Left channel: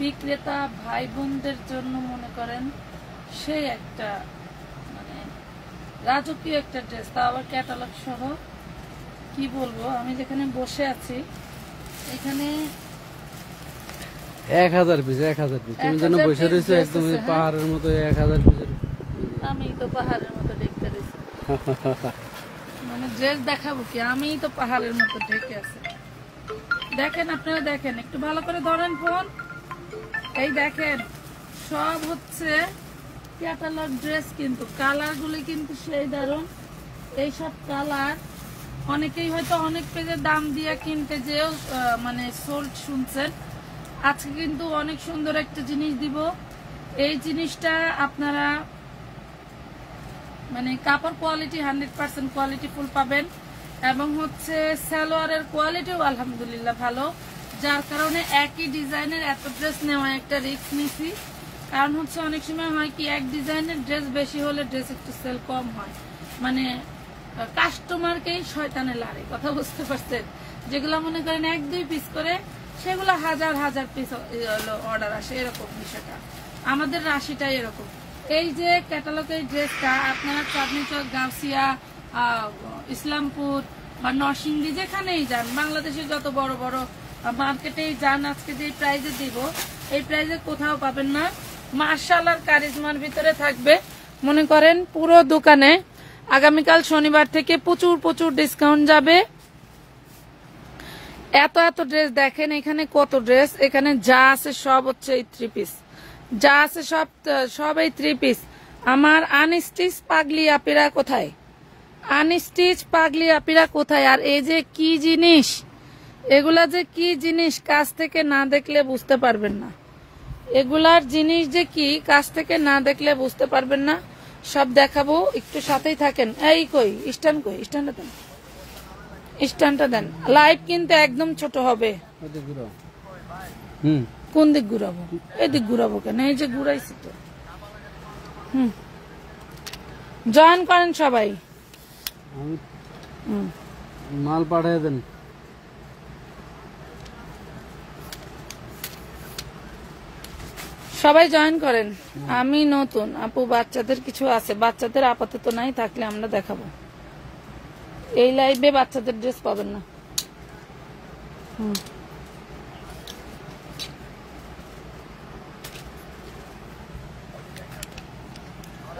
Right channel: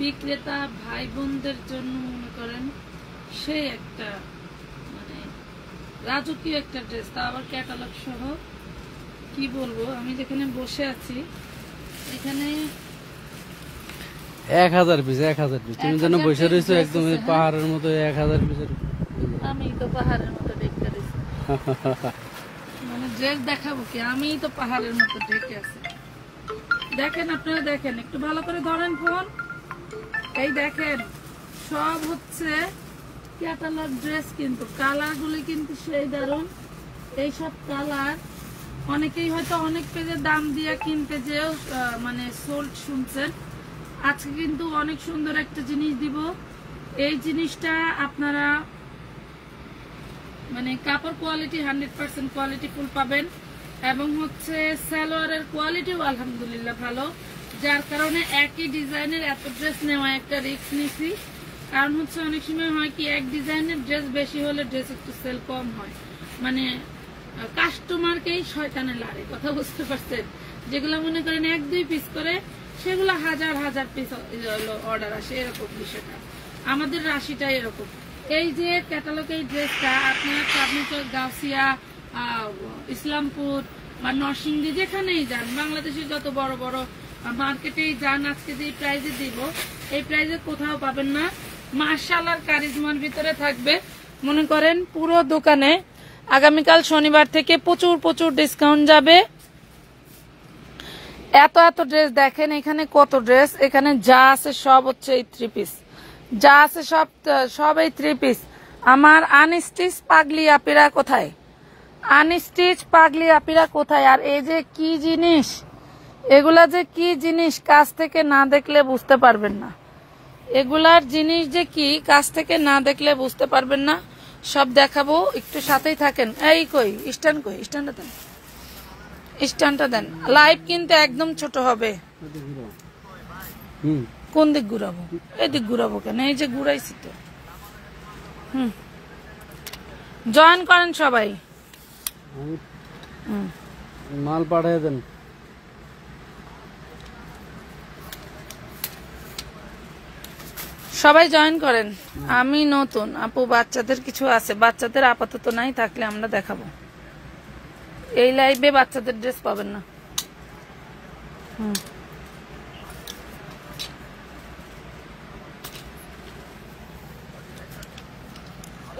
বিক্রেতা ভাই বোনদের জন্য মনে করেন সে একটা মানে রাজকীয় একটা ড্রেস, তা আবার ক্যাটালগ সহ। কি বলবো, আমি যেখানে বসে আছি এখানে 1000 পিস 1000 পিস। তুমি যেন বসে রয়েছো একদম পাহাড়ের মতো 1000 পিসের। আমি তো পাহাড়ের মতো দেখতে রয়েছি, মানে ড্রেস দেখাবো কি, আমি তো পাহাড়ের মতো দেখতে আছি। দেখেন, আপনারা দেখেন, একটু ভালো করে ধরেন ফোন। এই দেখেন, সব হচ্ছে ক্যাটালগ ড্রেস, কিন্তু কালার গুলি কিন্তু সেই দারুন। এইসব কালার অনেকেই হয়তো অনেক পেজের দাম দিয়ে কিনতে যে মানে সোল্ড শুনছেন। আজকে কিন্তু অনেক সুন্দর একটা জিনিস দিব। এই জিনিসটা আপনারা মানে কাপড় কোয়ালিটি 100% কোয়ালিটি ফুল পাবেন, এবং হচ্ছে সালোয়ারের কোয়ালিটিও আলহামদুলিল্লাহ ভালো, যার কারণে একই ডিজাইনের এত ড্রেস নেওয়া একটা রিস্ক নিছি। কারণ হচ্ছে অনেক সময় হয় কি, এক ডিজাইনের ড্রেস বেশি হলে ড্রেস একটু সেল কম হয়, মানে কাস্টমারকেই শয়তানে লাগে, কথা বুঝতে পারছেন। যেগুলো মনে করেন 1-2 পিস করে, সেগুলো হাজার হাজার পিস অর্ডার আসে, এরকম বিষয়টা। আমাদের রাশিটা এরকম। এই যে ক্যাটালগের ড্রেসটা আপনারা চাঁদনীচক, গাউসিয়া, ইসলামপুর বা নরসিংদী যেখানেই যান, বাংলাদেশের যত বড় বড় মার্কেটেই যান, আজকে যে প্রাইজে দিব এই প্রাইজে কোথাও পাবেন না। মার্শাল আর কারিজমার ভিতরে থাকবে। মনে করেন পুরো দোকানে আগামীকাল শনিবার থেকে প্রচুর প্রচুর ডিসকাউন্ট যাবে। এত এত ড্রেস দেখেন, এখানে কত ড্রেস, এখানে যা আছে সব হচ্ছে এই 3 পিস, যা আছে সব এই 3 পিস। আমার আনস্টিচ পাগলি আপিরা কোথায়, আনস্টিচ পাগলি আপিরা কোথায়? আর এই যে কি জিনিস, এগুলা যে কি জিনিস, কাছ থেকে না দেখলে বুঝতে পারবেন না। এগুলার জিনিস যে কি, কাছ থেকে না দেখলে বুঝতে পারবেন না। সব দেখাবো, একটু সাথেই থাকেন। এই কই স্ট্যান্ড, কই স্ট্যান্ডটা দেন, স্ট্যান্ডটা দেন। লাইট কিন্তু একদম ছোট হবে। কোন দিক ঘুরাবো? এই দিক ঘুরাবো কেন? এই যে ঘুরাইছি তো। জয়েন করেন সবাই। মাল পাঠিয়ে দেন। সবাই জয়েন করেন। আমি নতুন আপু, বাচ্চাদের কিছু আছে, বাচ্চাদের আপাতত নাই, থাকলে আমরা দেখাবো। এই লাইভে বাচ্চাদের ড্রেস পাবেন না।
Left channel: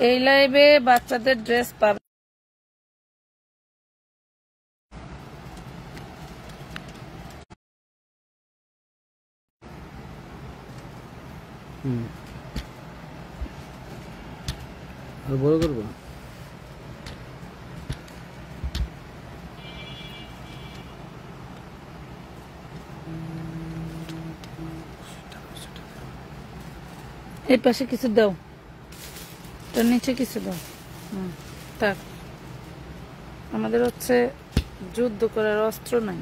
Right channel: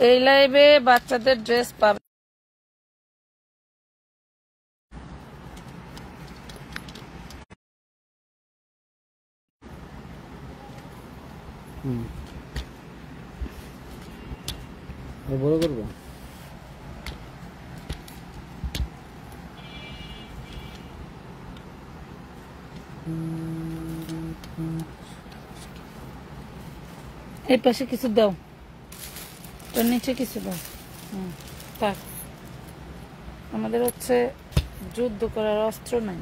এই লাইভে বাচ্চাদের ড্রেস পাবেন। বড় করবো। এই পাশে কিছু দাও, তার নিচে কিছু দাও। থাক, আমাদের হচ্ছে যুদ্ধ করার অস্ত্র নাই।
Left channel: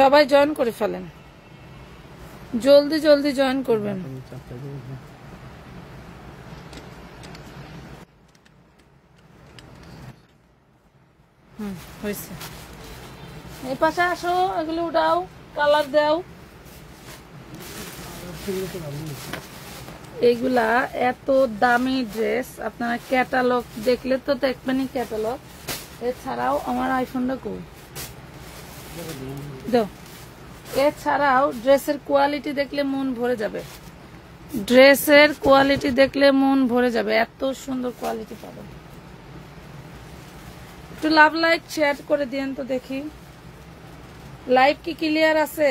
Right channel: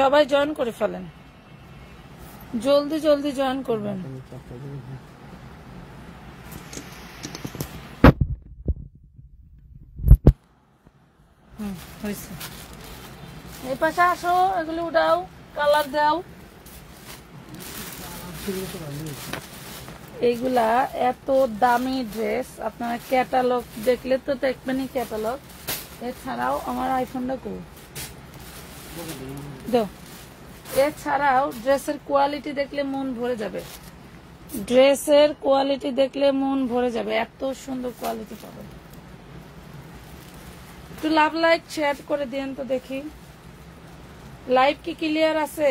সবাই জয়েন করে ফেলেন, জলদি জলদি জয়েন করবেন। হয়েছে, এই পাশে আসো, এগুলো উঠাও, কালার দাও। এইগুলা এত দামি ড্রেস, আপনারা ক্যাটালগ দেখলে তো দেখবেনই ক্যাটালগ। এছাড়াও আমার আইফোনটা কই দাও। এছাড়াও ড্রেসের কোয়ালিটি দেখলে মন ভরে যাবে, ড্রেসের কোয়ালিটি দেখলে মন ভরে যাবে, এত সুন্দর কোয়ালিটি পাবেন। একটু লাভ লাইক শেয়ার করে দিন তো দেখি, লাইভ কি ক্লিয়ার আছে?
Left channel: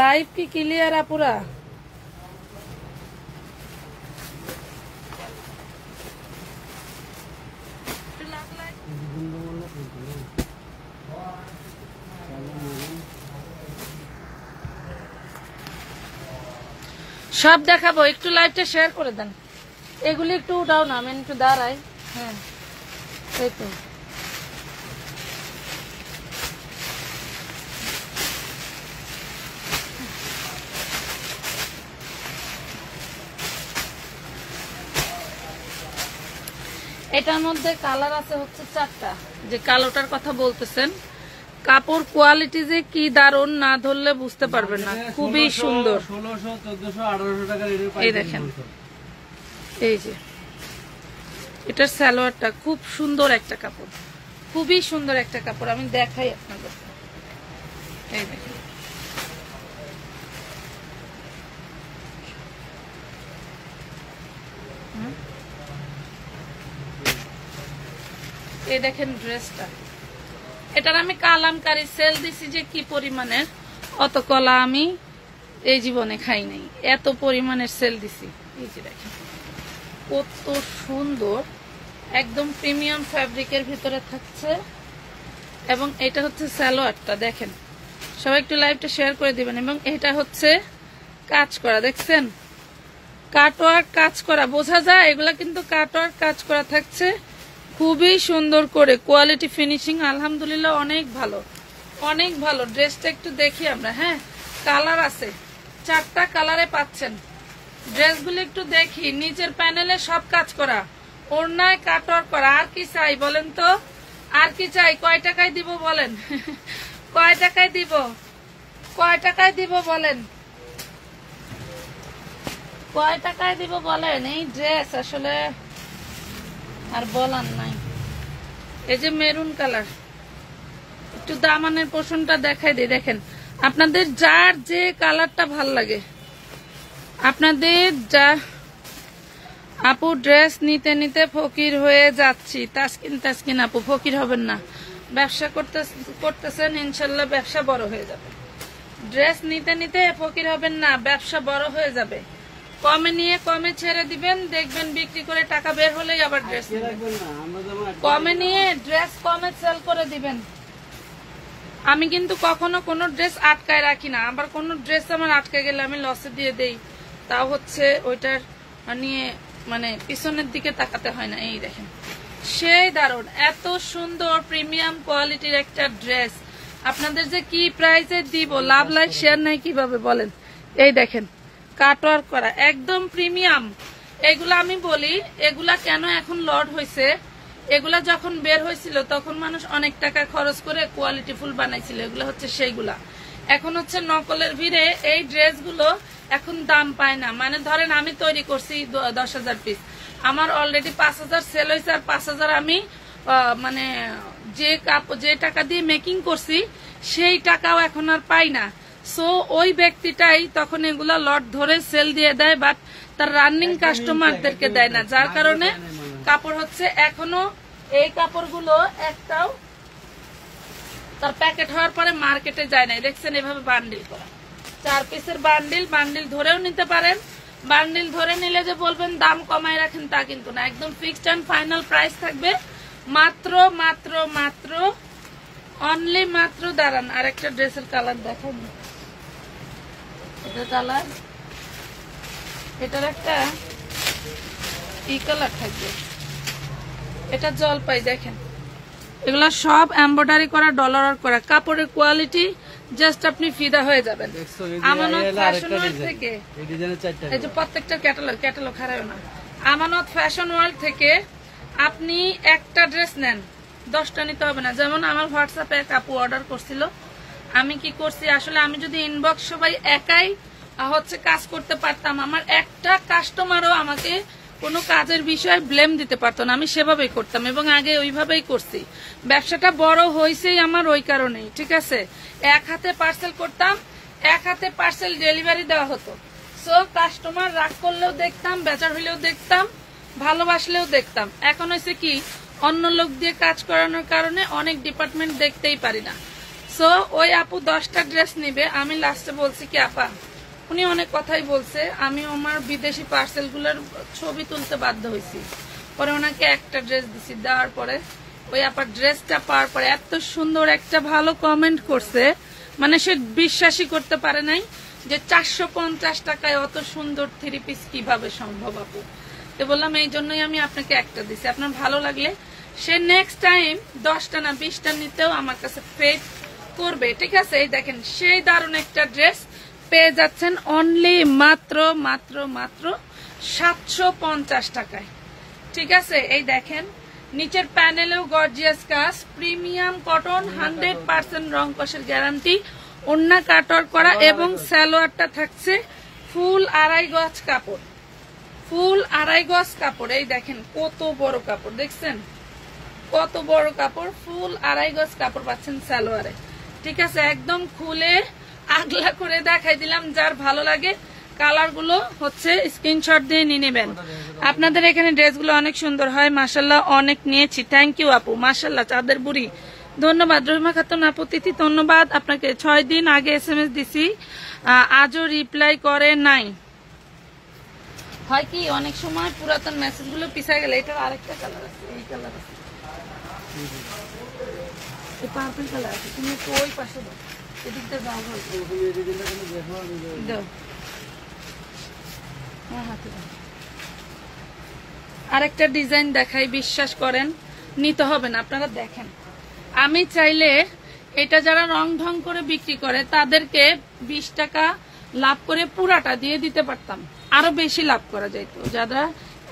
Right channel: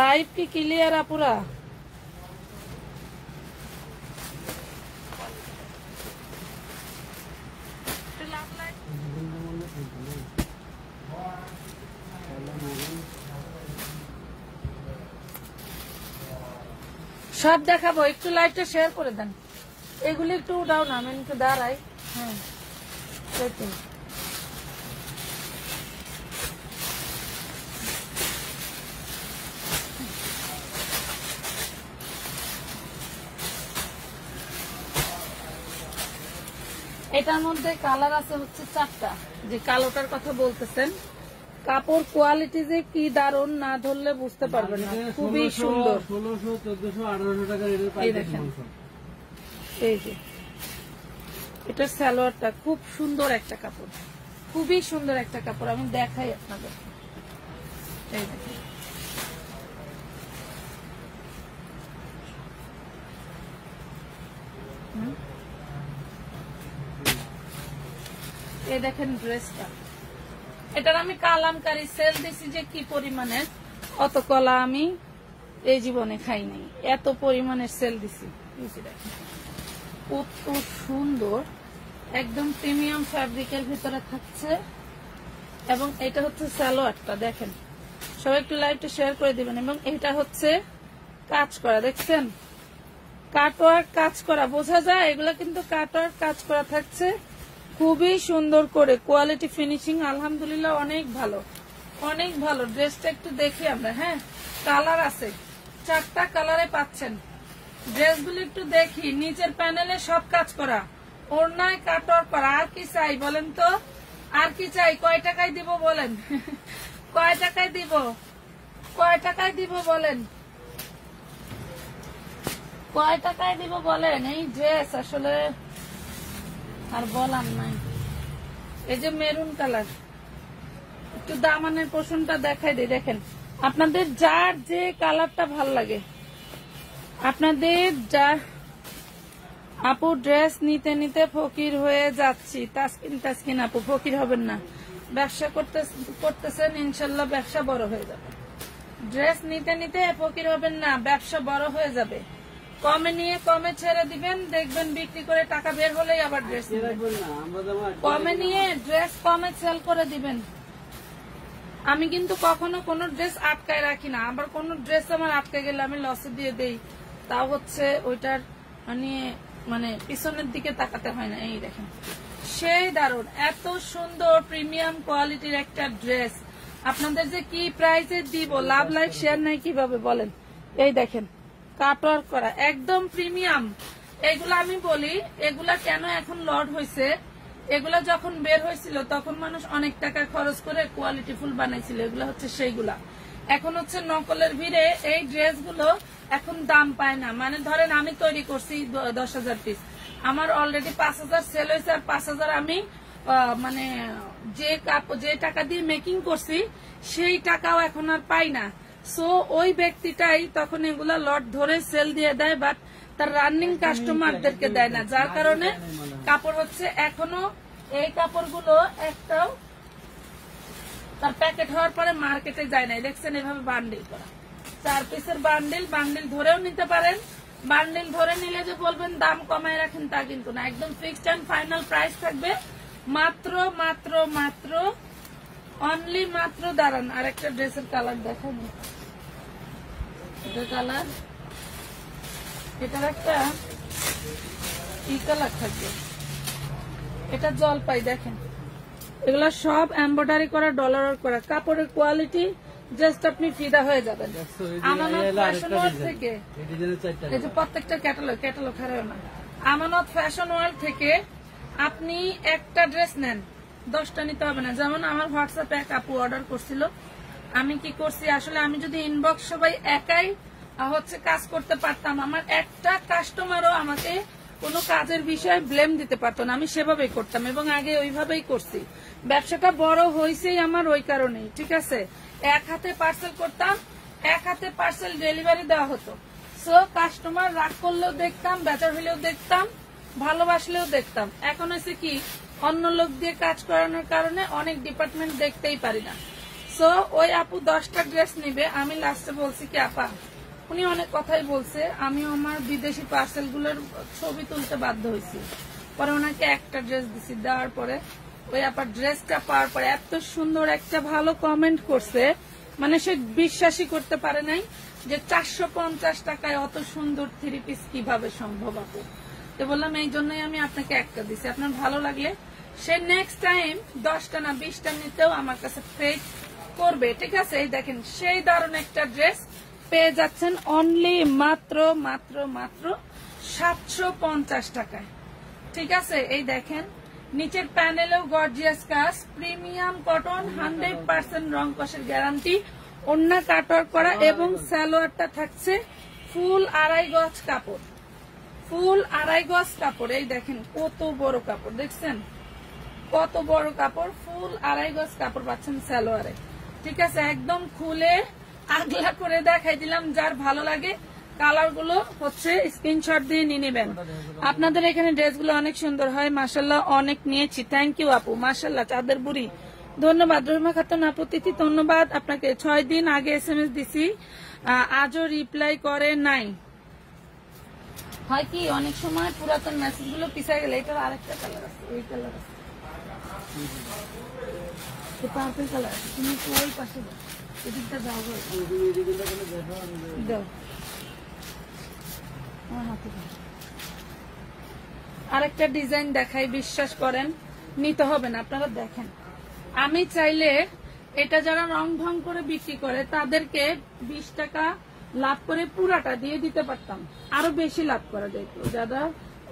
লাইভ কি ক্লিয়ার আপুরা? সব দেখাবো, একটু লাইভটা শেয়ার করে দেন। এগুলি একটু উঠাও না, আমি একটু দাঁড়াই। হ্যাঁ, এই তো এটার মধ্যে কালার আছে হচ্ছে 4টা, যে কালোটার কথা বলতেছেন কাপড় কোয়ালিটি যে কি দারুন, না ধরলে বুঝতে পারবেন না। খুবই সুন্দর। 1600, 1400, 1800 টাকার এই দেখেন, এই যে এটার সালোয়ারটা খুব সুন্দর একটা কাপড়, খুবই সুন্দর একটা কাপড়। আমি দেখাই আপনাদের, এই দেখেন এই দেখেন ড্রেসটা। এটার আমি কালামকারী সেল দিছি যে কি পরিমাণের, অত কলা আমি এই জীবনে খাই নাই, এত পরিমাণের সেল দিছি। এই যে দেখেন কত সুন্দর, একদম প্রিমিয়াম ফ্যাব্রিকের ভিতরে থাকছে। এবং এটা হচ্ছে সালোয়ারটা, দেখেন সবাই একটু লাইভটা শেয়ার করে দিবেন। এবং এটা হচ্ছে কাজ করা, দেখছেন কাটওয়ার্ক কাজ করা, বোঝা যায় এগুলা কিন্তু কাটওয়ার্ক কাজ করা থাকছে খুবই সুন্দর করে। কোয়ালিটি ফিনিশিং আলহামদুলিল্লাহ অনেক ভালো, অনেক ভালো। ড্রেসটা একটু দেখি আমরা। হ্যাঁ, কালার আছে, 4টা কালারে পাচ্ছেন। ড্রেসগুলো একটু দেখি, নিচের প্যানেলে সব কাজ করা, ওড়নায় কাটওয়ার্ক করা। আর কি চাই বলেন তো, আর কি চাই? কয় টাকায় দিব বলেন? কয় টাকায় দিব? কয় টাকায় দিব বলেন? কয় টাকায় দিব বলেন? এই ড্রেস আসলে আর বলার নাই। এই যে মেরুন কালার, একটু দামানের পোর্শনটা দেখাই দিই। দেখেন আপনাদের যার যে কালারটা ভাল লাগে, আপনাদের যা। আপু ড্রেস নিতে নিতে ফকির হয়ে যাচ্ছি। তাসকিন আপু ফকির হবেন না, ব্যবসা করতেছেন ইনশাল্লাহ ব্যবসা বড় হয়ে যাবে। ড্রেস নিতে নিতে ফকির হবেন না, ব্যবসা বড় হয়ে যাবে। কমে নিয়ে কমে ছেড়ে দিবেন, দেখবেন বিক্রি করে টাকা বের হলেই আবার ড্রেস কমে নিয়ে ড্রেস কমে সেল করে দিবেন। আমি কিন্তু কখনো কোনো ড্রেস আটকায় রাখি না, আবার কোন ড্রেস আমার আটকে গেলে আমি লসে দিয়ে দেই, তাও হচ্ছে ওইটার নিয়ে মানে পিছনের দিকে তাকাতে হয় না। এই দেখেন সেই দারুণ, এত সুন্দর প্রিমিয়াম কোয়ালিটির একটা ড্রেস আপনাদের যে কি প্রাইসে দিব, লাভ লাইক শেয়ার নাই কিভাবে বলেন? এই দেখেন কাটওয়ার্ক করা একদম প্রিমিয়াম। এগুলা আমি বলি, এগুলা কেন এখন লর্ড হয়েছে, এগুলা যখন বের হয়েছিল তখন মানুষ অনেক টাকা খরচ করে কোয়ালিটি ফুল বানাইছিল, এগুলা হচ্ছে সেইগুলা। এখন হচ্ছে নকলের ভিড়ে এই ড্রেসগুলো এখন দাম পায় না। মানে ধরেন আমি তৈরি করছি 10,000 পিস, আমার অলরেডি 5,000 সেল হয়েছে, আর 5,000 আমি মানে যে টাকা দিয়ে মেকিং করছি সেই টাকাও এখন আর পাই না। সো ওই ব্যক্তিটাই তখন এগুলা লট ধরে সেল দিয়ে দেয়, বাট তার রানিং কাস্টমারদেরকে দেয় না, যার কারণে কাপড় হচ্ছে এখনো এই কাপড়গুলো একটাও তার প্যাকেট হওয়ার পরে মার্কেটে যায় না। দেখছেন এভাবে বান্ডিল করা, 4 পিসের বান্ডিল ধরেও নিতে পারেন। বান্ডিল ধরে নিলে যে বলবেন দাম কমায় রাখেন তা কিন্তু না, একদম ফিক্সড এন্ড ফাইনাল প্রাইস থাকবে মাত্র মাত্র মাত্র অনলি মাত্র। দাঁড়ান আর একটা ড্রেসের কালার দেখাবো, এটা কালার, এটার একটা ই কালার থাকবে, এটা জলপাই। দেখেন এগুলা সব এমব্রয়ডারি করা, ডলার করা, কাপড়ের কোয়ালিটি জাস্ট আপনি ফিদা হয়ে যাবেন। আমানত ফ্যাশন ওয়ার্ল্ড থেকে এই যে প্রত্যেকটা ক্যাটালগ হারায় না, আমানত ফ্যাশন ওয়ার্ল্ড থেকে আপনি একটা ড্রেস নেন 10টা নিতে হবে না। যেমন আমার হোয়াটসঅ্যাপে এক আপু অর্ডার করছিল, আমি কি করছি আসলে, আমি যদি ইনবক্স সবাই একাই হচ্ছে কাজ করতে পারতাম, আমার একটা কাস্টমারও আমাকে কোনো কাজের বিষয়ে ব্লেম দিতে পারতো না, আমি সেভাবেই করতাম এবং আগে ওইভাবেই করছি। ব্যবসাটা বড় হয়েছেই আমার ওই কারণেই, ঠিক আছে। এক হাতে পার্সেল করতাম, এক হাতে পার্সেল ডেলিভারি দেওয়া হতো। সো কাস্টমার রাগ করলেও দেখতাম, বেচার হইলেও দেখতাম, ভালোবাসলেও দেখতাম। এখন হয়েছে কি, অন্য লোক দিয়ে কাজ করানোর কারণে অনেক ডিপার্টমেন্ট দেখতেই পারি না। সো ওই আপু 10টা ড্রেস নিবে, আমি লাস্টে বলছি কি আপা, উনি অনেক কথাই বলছে, আমি আমার বিদেশি পার্সেল গুলোর ছবি তুলতে বাধ্য হয়েছি, পরে ওনাকে একটা ড্রেস দিছি, দেওয়ার পরে ওই আপার ড্রেসটা পাওয়ার পরে এত সুন্দর একটা ভালো কমেন্ট করছে, মানে সে বিশ্বাসই করতে পারে নাই যে 450 টাকায় অত সুন্দর 3 পিস কিভাবে সম্ভব আপু। তো বললাম এই জন্যই আমি আপনাকে একটা দিছি, আপনার ভালো লাগলে সে নেক্সট টাইম 10টা না 20টা নিতেও আমার কাছে পে করবে, ঠিক আছে। এই দেখেন সেই দারুণ একটা ড্রেস পেয়ে যাচ্ছেন অনলি মাত্র মাত্র মাত্র 750 টাকায়, ঠিক আছে। এই দেখেন নিচের প্যানেলেও গর্জিয়াস কাজ, প্রিমিয়াম কটন, 100% রং কষের গ্যারান্টি, ওন্না কাটওয়ার্ক করা এবং সালোয়ারটা থাকছে ফুল 2.5 গজ কাপড়, ফুল 2.5 গজ কাপড়। এই দেখেন কত বড় কাপড়, দেখছেন কত বড় কাপড়, ফুল 2.5 গজ কাপড় পাচ্ছেন সালোয়ারে। ঠিক আছে, একদম খুলে আগলা করে দেখাই দিলাম। যার ভালো লাগে কালার গুলো হচ্ছে স্ক্রিনশট দিয়ে নিয়ে নেবেন। আপনাদের এখানে ড্রেসগুলো অনেক সুন্দর হয়, মাশাল্লাহ অনেক নিয়েছি। থ্যাংক ইউ আপু, মাশাল্লাহ চাঁদের বুড়ি ধন্যবাদ। রহিমা খাতুন আপু তিথি ধন্যবাদ আপনাকে। 6 দিন আগে SMS দিছি, আজও রিপ্লাই করে নাই। হয় কি অনেক সময় পুরাতন মেসেজ গুলো পিছায় গেলে। এটার আরেকটা কালার আছে, এই কালার আছে, পার্পল কালার আছে। তুমি তো ওই পাশে এদিকটা যাও, দাও আরেকটা ডিজাইন দেখাই, বিশ্বাস করেন নিতে হবে না, আপনারা দেখেন। আমি চাইলে এটা যারা রং ঢং করে বিক্রি করে তাদেরকে 20 টাকা লাভ করে পুরাটা দিয়ে দিতে পারতাম, আরো বেশি লাভ করা যাইতো। যারা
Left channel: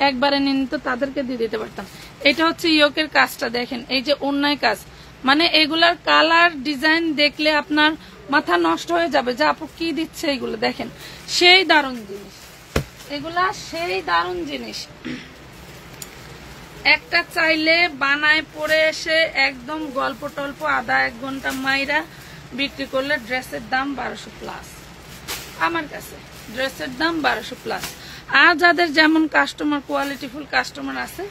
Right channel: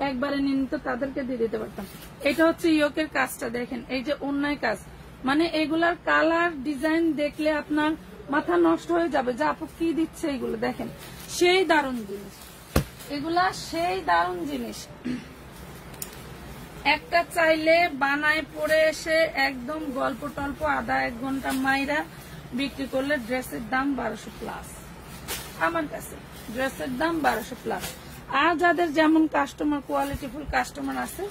একবারে নিত তাদেরকে দিয়ে দিতে পারতাম। এটা হচ্ছে ইয়োকের কাজটা দেখেন, এই যে অন্যায় কাজ, মানে এগুলার কালার ডিজাইন দেখলে আপনার মাথা নষ্ট হয়ে যাবে যে আপু কি দিচ্ছে। এগুলো দেখেন সেই দারুণ জিনিস, এগুলা সেই দারুণ জিনিস। একটা চাইলে বানায় পরে এসে একদম গল্প টল্প আধা 1 ঘন্টা মাইরা বিক্রি করলে ড্রেসের দাম 1200 প্লাস। আমার কাছে ড্রেসের দাম 1200 প্লাস। আর যাদের যেমন কাস্টমার, কোয়ালিটিফুল কাস্টমার আছে,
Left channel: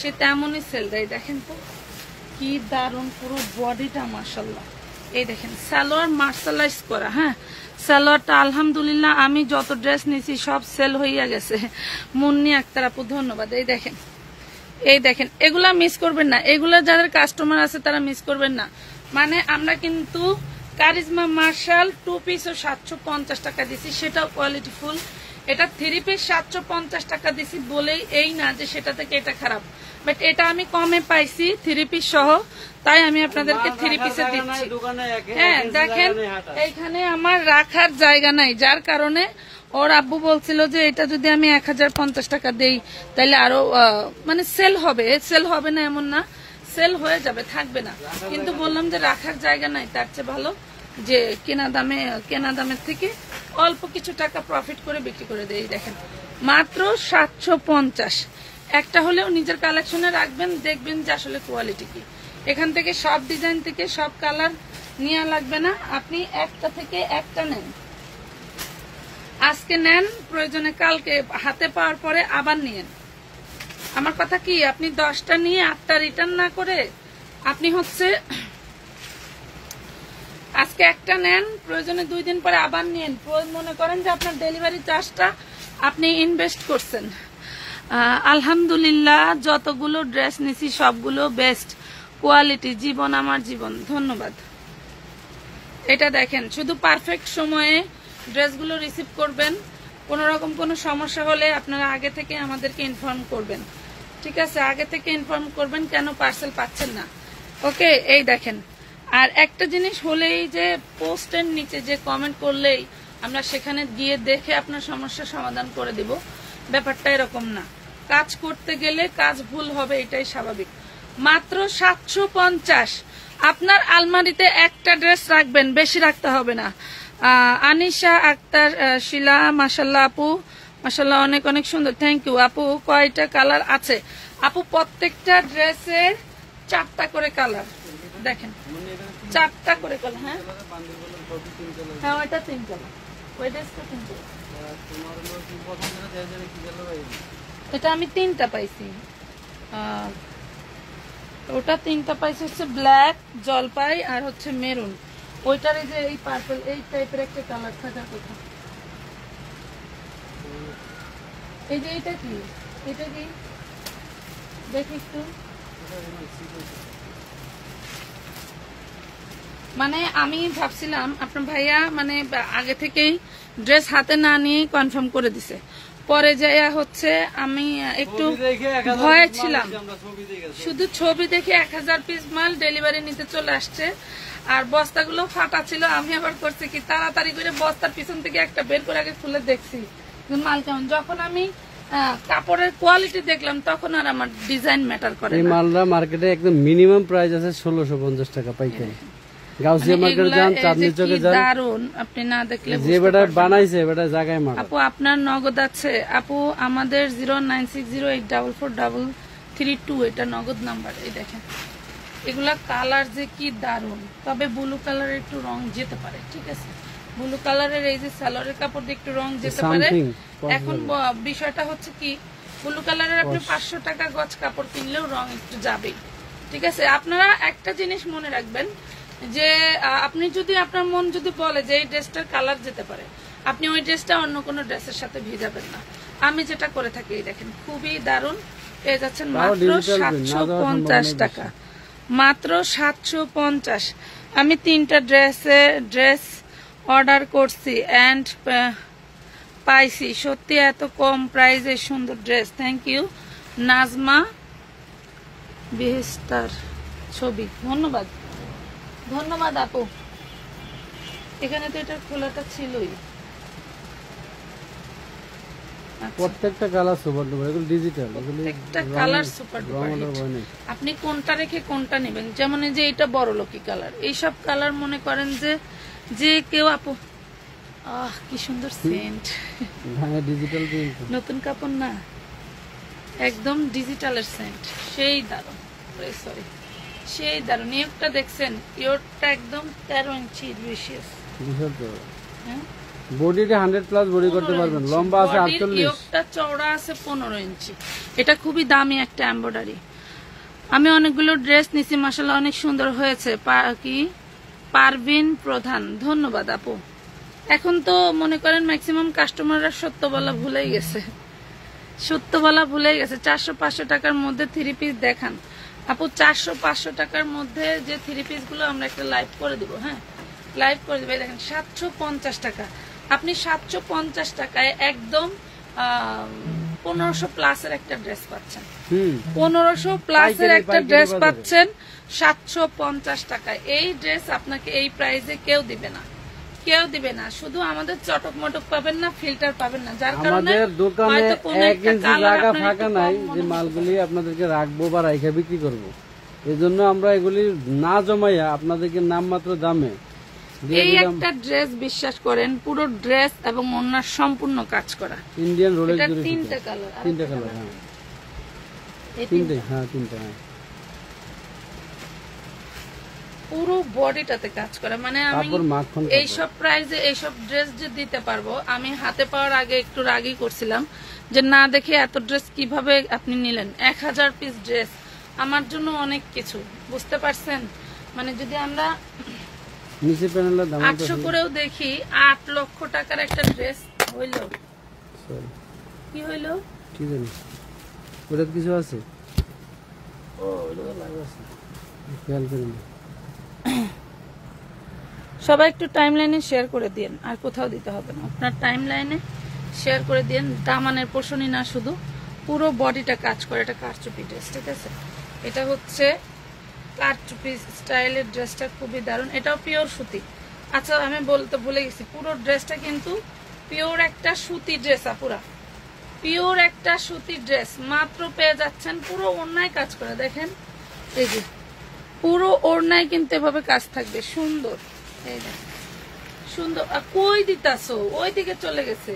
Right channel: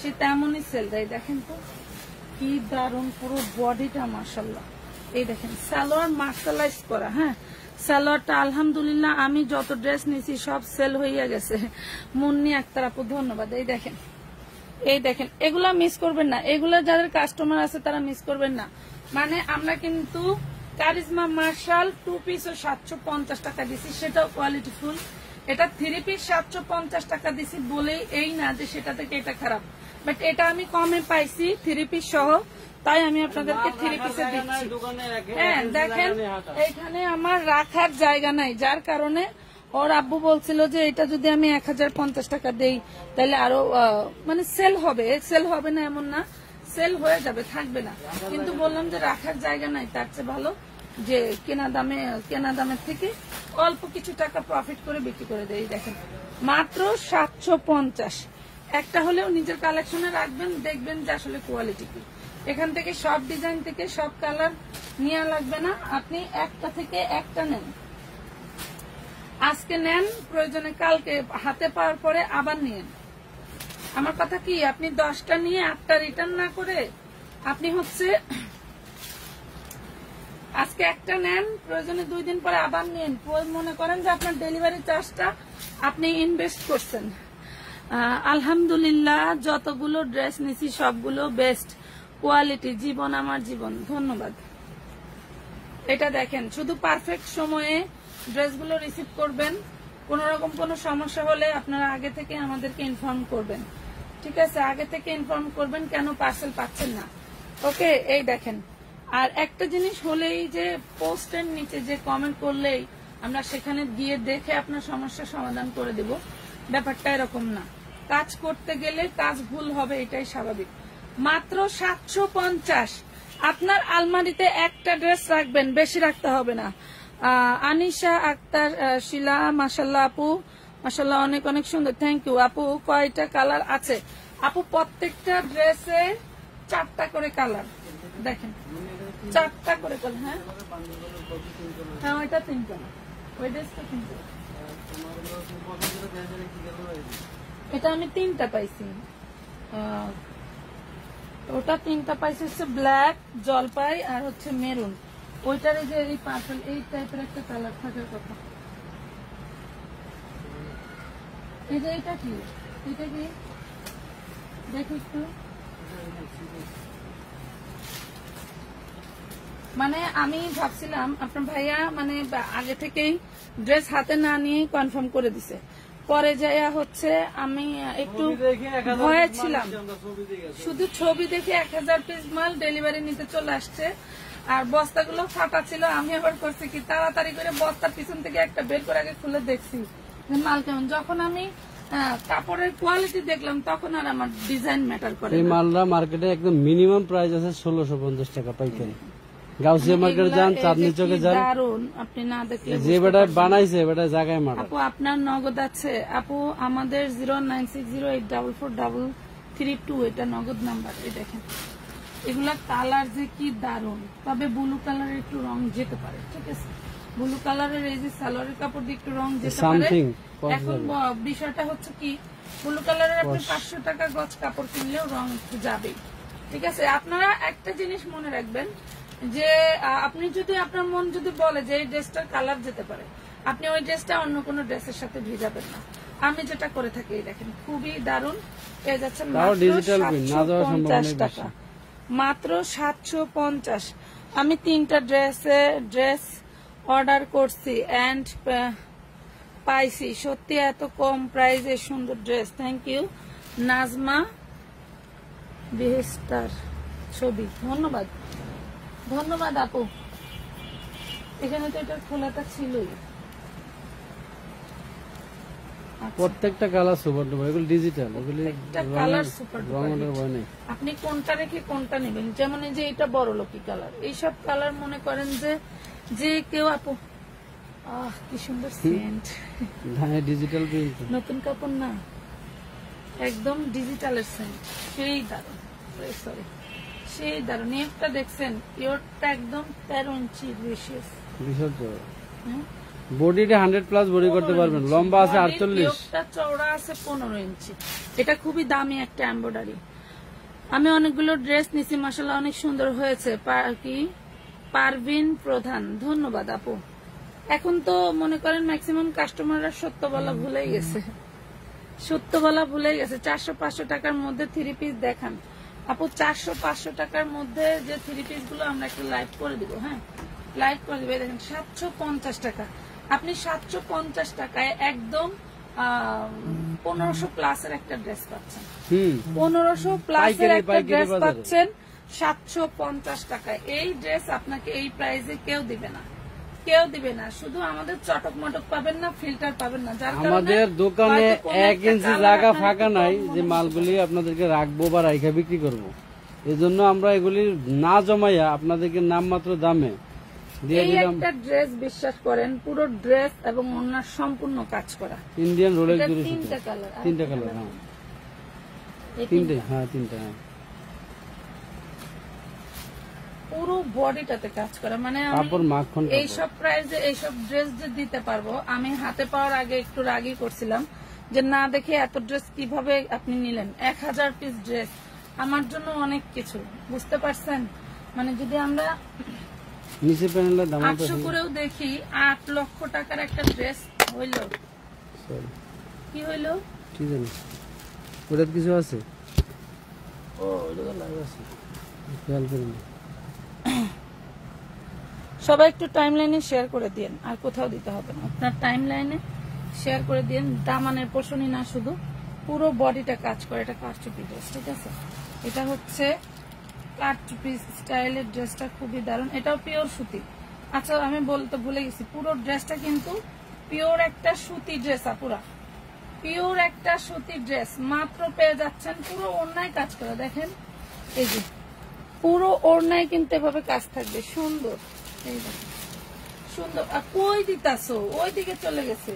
সে তেমনই সেল দেয়। দেখেন তো কি দারুণ, পুরো বডিটা মাশাআল্লাহ। এই দেখেন সালোয়ার মার্শালাইজ করা। হ্যাঁ, সালোয়ারটা আলহামদুলিল্লাহ আমি যত ড্রেস নিয়েছি সব সেল হইয়া গেছে। মুন্নি আক্তার আপু ধন্যবাদ। এই দেখেন, এই দেখেন, এগুলা মিস করবেন না, এগুলা যাদের কাস্টমার আছে তারা মিস করবেন না। মানে আমরা কিন্তু কারিজমা মার্শাল 2 পিসও 750 টাকা দিছি, সেটাও কোয়ালিটি ফুল। এটা 3 পিস 750 টাকা দিছি বলেই এই না যে সেটা থেকে এটা খারাপ, বাট এটা আমি কমে পাইছি 3 পিস সহ, তাই আমি আপনাদেরকে 3 পিসে দিচ্ছি। হ্যাঁ দেখেন, এখানে আমার রাখার জায়গা নাই, যার কারণে ওর আব্বু বলছিল যে এটা যদি আমি 1050 টাকা দেই তাহলে আরো মানে সেল হবে। সেল হবে না এমন না, সেল হয়ে যাবে, থাকবে না, কিন্তু বললাম যে রাখার জায়গা নাই, তার চেয়ে ভালো যে কেনা দামের থেকে অল্প কিছু টাকা প্রফিট করে বিক্রি করে দেই। দেখেন মাত্র 750। একটা হলেও নিজের কালেকশনে রাখবেন, দেখবেন যে আসলে কোয়ালিটি কি। এখান থেকে সব ডিজাইন থেকে সব কালার নেওয়া লাগবে না, আপনি একটা থেকে একটা নেন। আজকে নেন, প্রয়োজনে কালকে হাতে পাওয়ার পরে আবার নিয়েন। আমার কথা কি, আপনি 10টা নিয়ে 8টা রিটার্ন না করে আপনি হচ্ছে আজকে একটা নেন, প্রয়োজনে 2 দিন পরে আবার নেন। মনে করেন যে আপনার ডেলিভারি চার্জটা আপনি ইনভেস্ট করছেন। আলহামদুলিল্লাহ যতগুলো ড্রেস নিছি সবগুলো বেস্ট কোয়ালিটি, জীবন আমার জীবন ধন্যবাদ। এটা দেখেন, শুধু পারফেক্ট সময়ে ড্রেসগুলো রিসিভ করবেন। কোন রকম কোনো সমস্যা হলে আপনারা আগে থেকে আমাদেরকে ইনফর্ম করবেন, ঠিক আছে? আগে থেকে ইনফর্ম করবেন কেন পার্সেল পাচ্ছেন না। ওকে, এই দেখেন। আর একটা জিনিস হলেই যে পোস্টের নিচে যে কমেন্ট করলেই আমরা সেখানে গিয়ে দেখে আপনার সমস্যার সমাধান করে দিব, ব্যাপারটা এরকম না। কাজ করতে গেলে কাজ ভুল হবে, এটাই স্বাভাবিক। মাত্র 750। আপনার আলমারিতে একটা ড্রেস রাখবেন, বেশি রাখতে হবে না। আনিশা আক্তার শিলা, মাশাল্লাহ আপু, মাশাল্লাহ অনেক অনেক সুন্দর, থ্যাংক ইউ আপু। কয়টা কালার আছে আপু? প্রত্যেকটা ড্রেসের 4টা করে কালার, দেখেন 4টা করে কালার। হ্যাঁ হ্যাঁ, ওইটা 3 কালার, ওই ড্রেসটা 3 কালার। এটা আমি 3টা পাইছি, ওটা 3টা পাইছি হচ্ছে ব্ল্যাক, জলপাই আর হচ্ছে মেরুন। ওইটার যে এই পার্পল, এই টাইপের একটা কালার থাকার কথা। এই যে এইটা কি, এটা কি দেখি একটু। মানে আমি ভাবছিলাম আপনার ভাইয়া মানে আগে থেকেই ড্রেস হাতে না নিয়ে কনফার্ম করে দিছে, পরে যাইয়া হচ্ছে আমি একটু ভয়ে ছিলাম। শুধু ছবি দেখে 1000 পিস মাল ডেলিভারি নিতে চলে আসছে, আর বস্তাগুলো ফাটা ছিল। আমি আবার করছি কি, তাড়াতাড়ি করে বস্তার পিছন থেকে একটা বের করে আগে খুলে দেখছি যে মাল কেমন। যখন আমি কাপড়ের কোয়ালিটি দেখলাম তখন আর আমার ডিজাইন ম্যাটার করে এই না। মালটা মার্কেটে একদম মিনিমাম প্রাইস আছে 1650 টাকা পাইকারি। গাউসিয়া মার্কেটে যান, চাঁদনি চকে যান, দারুন, আপনি না দেখলে যে বেটা বানাইছে বেটা জায়গায় মারা। আপু আপনার নগদ আছে? আপু আমাদের 09608443332 এটা নগদ নাম্বার। এই দেখেন এগুলা কালার যে কি দারুন, তবে ব্লু কালারের একটু রং যেতে পারে, ঠিক আছে? ব্লু কালারের এই যে সালোয়ারের কাপড় দিয়ে একটু রং যেতে পারে। এখন বিষয়টা হচ্ছে কি, ব্লু কালারের আপনি 500 টাকা গজ কাপড় কিনলেও রং একটু যাবে, ঠিক আছে? আপনারা একটা জিনিস মনে রাখবেন যে আপনি যদি আপনার মন যদি বলে যে এই ড্রেসটার কালার যেতে পারে, আপনি ওই ড্রেসটা অন্য কোনো ড্রেসের সাথে ভিজাবেন না। আমি যেটা করে থাকি, এই দেখেন খুবই দারুন, পেয়ে যাচ্ছেন মাত্র 750 টাকা, মাত্র 750। আমি 3টা ড্রেস অর্ডার করছি এন্ড পাইছি, সত্যি এত কম প্রাইসে সুন্দর ড্রেস। থ্যাংক ইউ নাজমা বিহিস্টার ছবি, ধন্যবাদ ধন্যবাদ আপু। এখানে তো এটা খোলাটা ছিলই। প্রত্যেকটা কালার সুপার ডুপার, এগুলো ডিজিটাল, এগুলো একটা কালার সুপার রং অর্ডার হয় না। আপনি কোনটা রেখে কোনটা নেবেন, যেমন এই যে এটা বড়লোকি কালার, এইসব কালার মনে করেন যে কেউ আপু কি সুন্দর সেন্ট, হ্যাঁ ডিজিটাল প্রিন্ট, নতুন কাপড় না, একদম ডিজিটালের সেন্ট, সেই দারুন, সরি সেই দারুন। একটা দেখছেন ইয়োরটা একদম 13 ইঞ্চি রিশিয়াস, বিশাল চওড়া, বডিটা 100+ বডি করতে পারবেন, লম্বা আছে 48, ইয়োরটা চওড়া আছে 15 ইঞ্চি। এটা খুবই দামি একটা এমব্রয়ডারি। আমি অনেকগুলো ড্রেস নিছি, মাশাআল্লাহ অনেক সুন্দর হয়েছে। কি পারভিন প্রধান, ধন্যবাদ আপু। এখন তো মনে করেন ম্যাক্সিমাম কাস্টমাররা সত্য বলা ভুলে গেছে, 400-500 টাকার মধ্যে 3 পিস দেখান আপু। 400-500 টাকার মধ্যে যে 3 পিস গুলো আমরা একটা লাইভ করে দিব, হ্যাঁ লাইভ করে দিবে। দেখেন 750 টাকা, আপনি 750 টাকায় একদম 1500 প্লাসের একটা ড্রেস পাচ্ছেন, 1500 প্লাসের একটা ড্রেস পাচ্ছেন 750 টাকায়। এই ড্রেস আপনাকে এই প্রাইসে কেউ দিবে না, কেউ দিবে না। শুধু আমাদের চটক মটক পাবেন না, ফিল্টার পাবেন না, যার কারণে আমাদের দোকানে 1 ইঞ্চি জায়গা ফাঁকা নাই যে মালগুলি আপনাদেরকে রাখবো বা রাইখা বিক্রি করব। এজন্য আমরা এগুলি না জমাইয়া আপনাদেরকে নামমাত্র দামে দিয়ে দিলাম। একটা ড্রেস বিশ্বাস করেন, পুরো ড্রেস এবং ওনার সম্পূর্ণ কাজ করা, ইন্ডিয়ান রোলেক্স এটা জুড়ে 3টা কালার, 3টা কালার, হ্যাঁ এই 3টা, হ্যাঁ 3টা, হ্যাঁ পুরো বডিটাতে কাজ করা। মানে আমি এইসব প্রাইসে এইসব ড্রেস যে দিতে পারবো, আমি হাতে পাওয়ার আগে একটু রাগই করছিলাম যে না দেখে এত ড্রেস কিভাবে আপনি নিলেন। 1000 পিস ড্রেস আমার জন্য অনেক কিছু, বুঝতে পারছেন? মানে যদি আমরা নিচে প্যানেলের দাম 800 করেও দেখি, 8 লক্ষ টাকার একটা ড্রেস হইলো, কি হইলো কি জানি ওটা কিছু আছে, ও এটা লাগা আছে, খেয়াল করুন। সবাই একটু টাইম লাইনে শেয়ার করে দিন, আর কোথাও দিতে হবে না, আপনার টাইম লাইনে শেয়ার করে দিন। দামানের পোর্শনই না, শুধু পুরো বডিটা কাজ করে। এটা কারচুপি ড্রেস, ঠিক আছে? এটা হচ্ছে কারচুপি স্টাইলের ড্রেসটা, খুবই দারুণ। এটাও পিওর সুতি। আচ্ছা আমি বলতে ভুলে গেছি, পুরো ড্রেসটা কিন্তু পিওর একটা সুতি ড্রেস, আপুরা পিওর একটা সুতি ড্রেস। মাত্র পেয়ে যাচ্ছেন, পুরো ওড়নায় কাজ করা, দেখেন এই যে পুরো ওড়নায় কিন্তু এভাবে কাজ থাকবে, সুন্দর। এই দেখেন সুন্দর। আর কই দিতাছো, ওই দিকে চলে গেছে।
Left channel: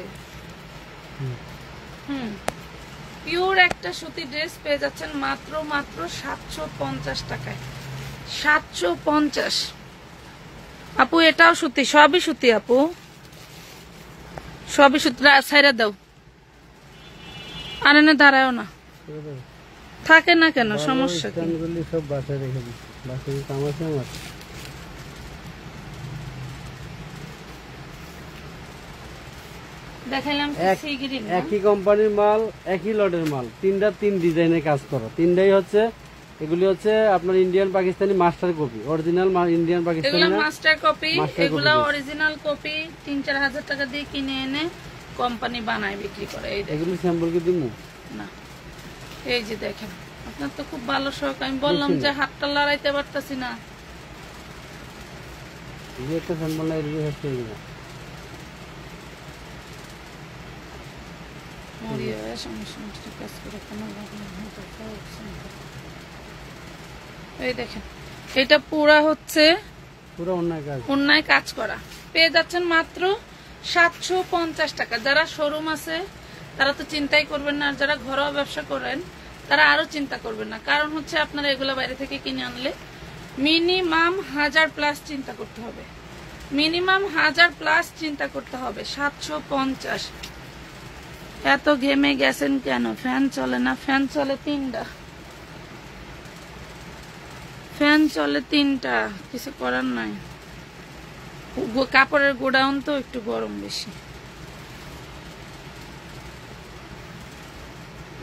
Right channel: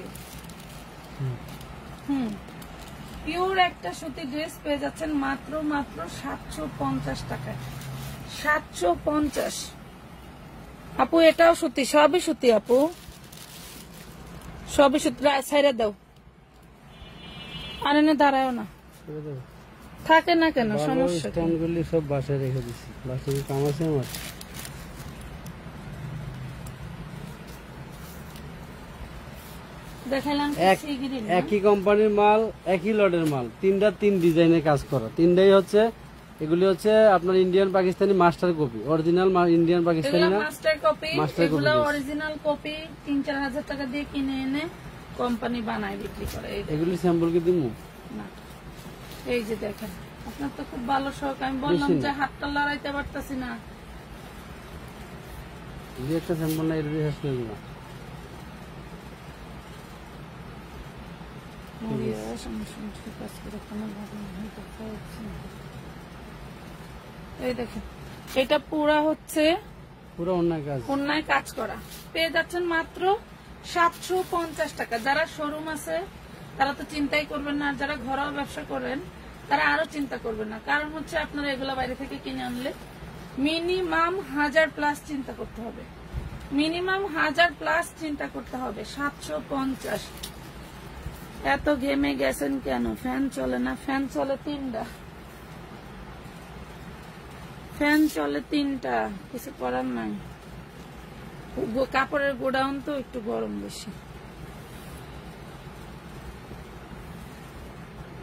পিওর একটা সুতি ড্রেস পেয়ে যাচ্ছেন মাত্র 750 টাকায়, 750। আপু এটাও সুতি, সবই সুতি আপু, সবই সুতি। ছাইরা দাও, আর এনে দাঁড়াও না, থাকে না কেন, সমস্যা কি? সব বাসায় রেখে দিচ্ছি, বাসায় কাম আছে আমার। একই কোম্পানির মাল, একই লটের মাল, 3 ডিজাইনের কাজ করা, 3টাই হচ্ছে, এগুলি হচ্ছে আপনার Indian Pakistani master copy, original Indian Pakistani না মাস্টার কপি। এগুলো অরিজিনাল কপি 3-4 হাজার টাকা দিয়ে কিনে এনে কোম্পানি বানায় বিক্রি করে। এগুলি স্যাম্পল কি দিমু না? এই যে দেখেন, আপনার তো খুব ভালো শখ। আমি বললাম যে হাতটা লড়াইতে পারতাছি না, একটা স্যাম্পল, না এর শেষ করে দিলাম। মরিয়া সংসার কাজ করে কোনো এই দেখেন এটা পুরা হচ্ছে পুরো অন্যায় কাজ করা পেয়ে যাচ্ছেন মাত্র 750 টাকা। যারা শোরুম আছে তারা তো চিন্তাই করবেন না, আর যারা ঘরোয়া ব্যবসা করেন তারা আরো চিন্তা করবেন না। কারণ হচ্ছে আপনারা এগুলো বাইরে থেকে কিনে আনলে মিনিমাম 1000+ চিন্তা করতে হবে, মিনিমাম 1000+ চিন্তা করতে হবে। 750। এত ঘেমে গেছেন কেন? ফ্যান চলে না? ফ্যান চলে 3টা, ফ্যান চলে 3টা, কিছু করার নাই। কাপড়ের গোডাউন তো একটু গরম বেশি।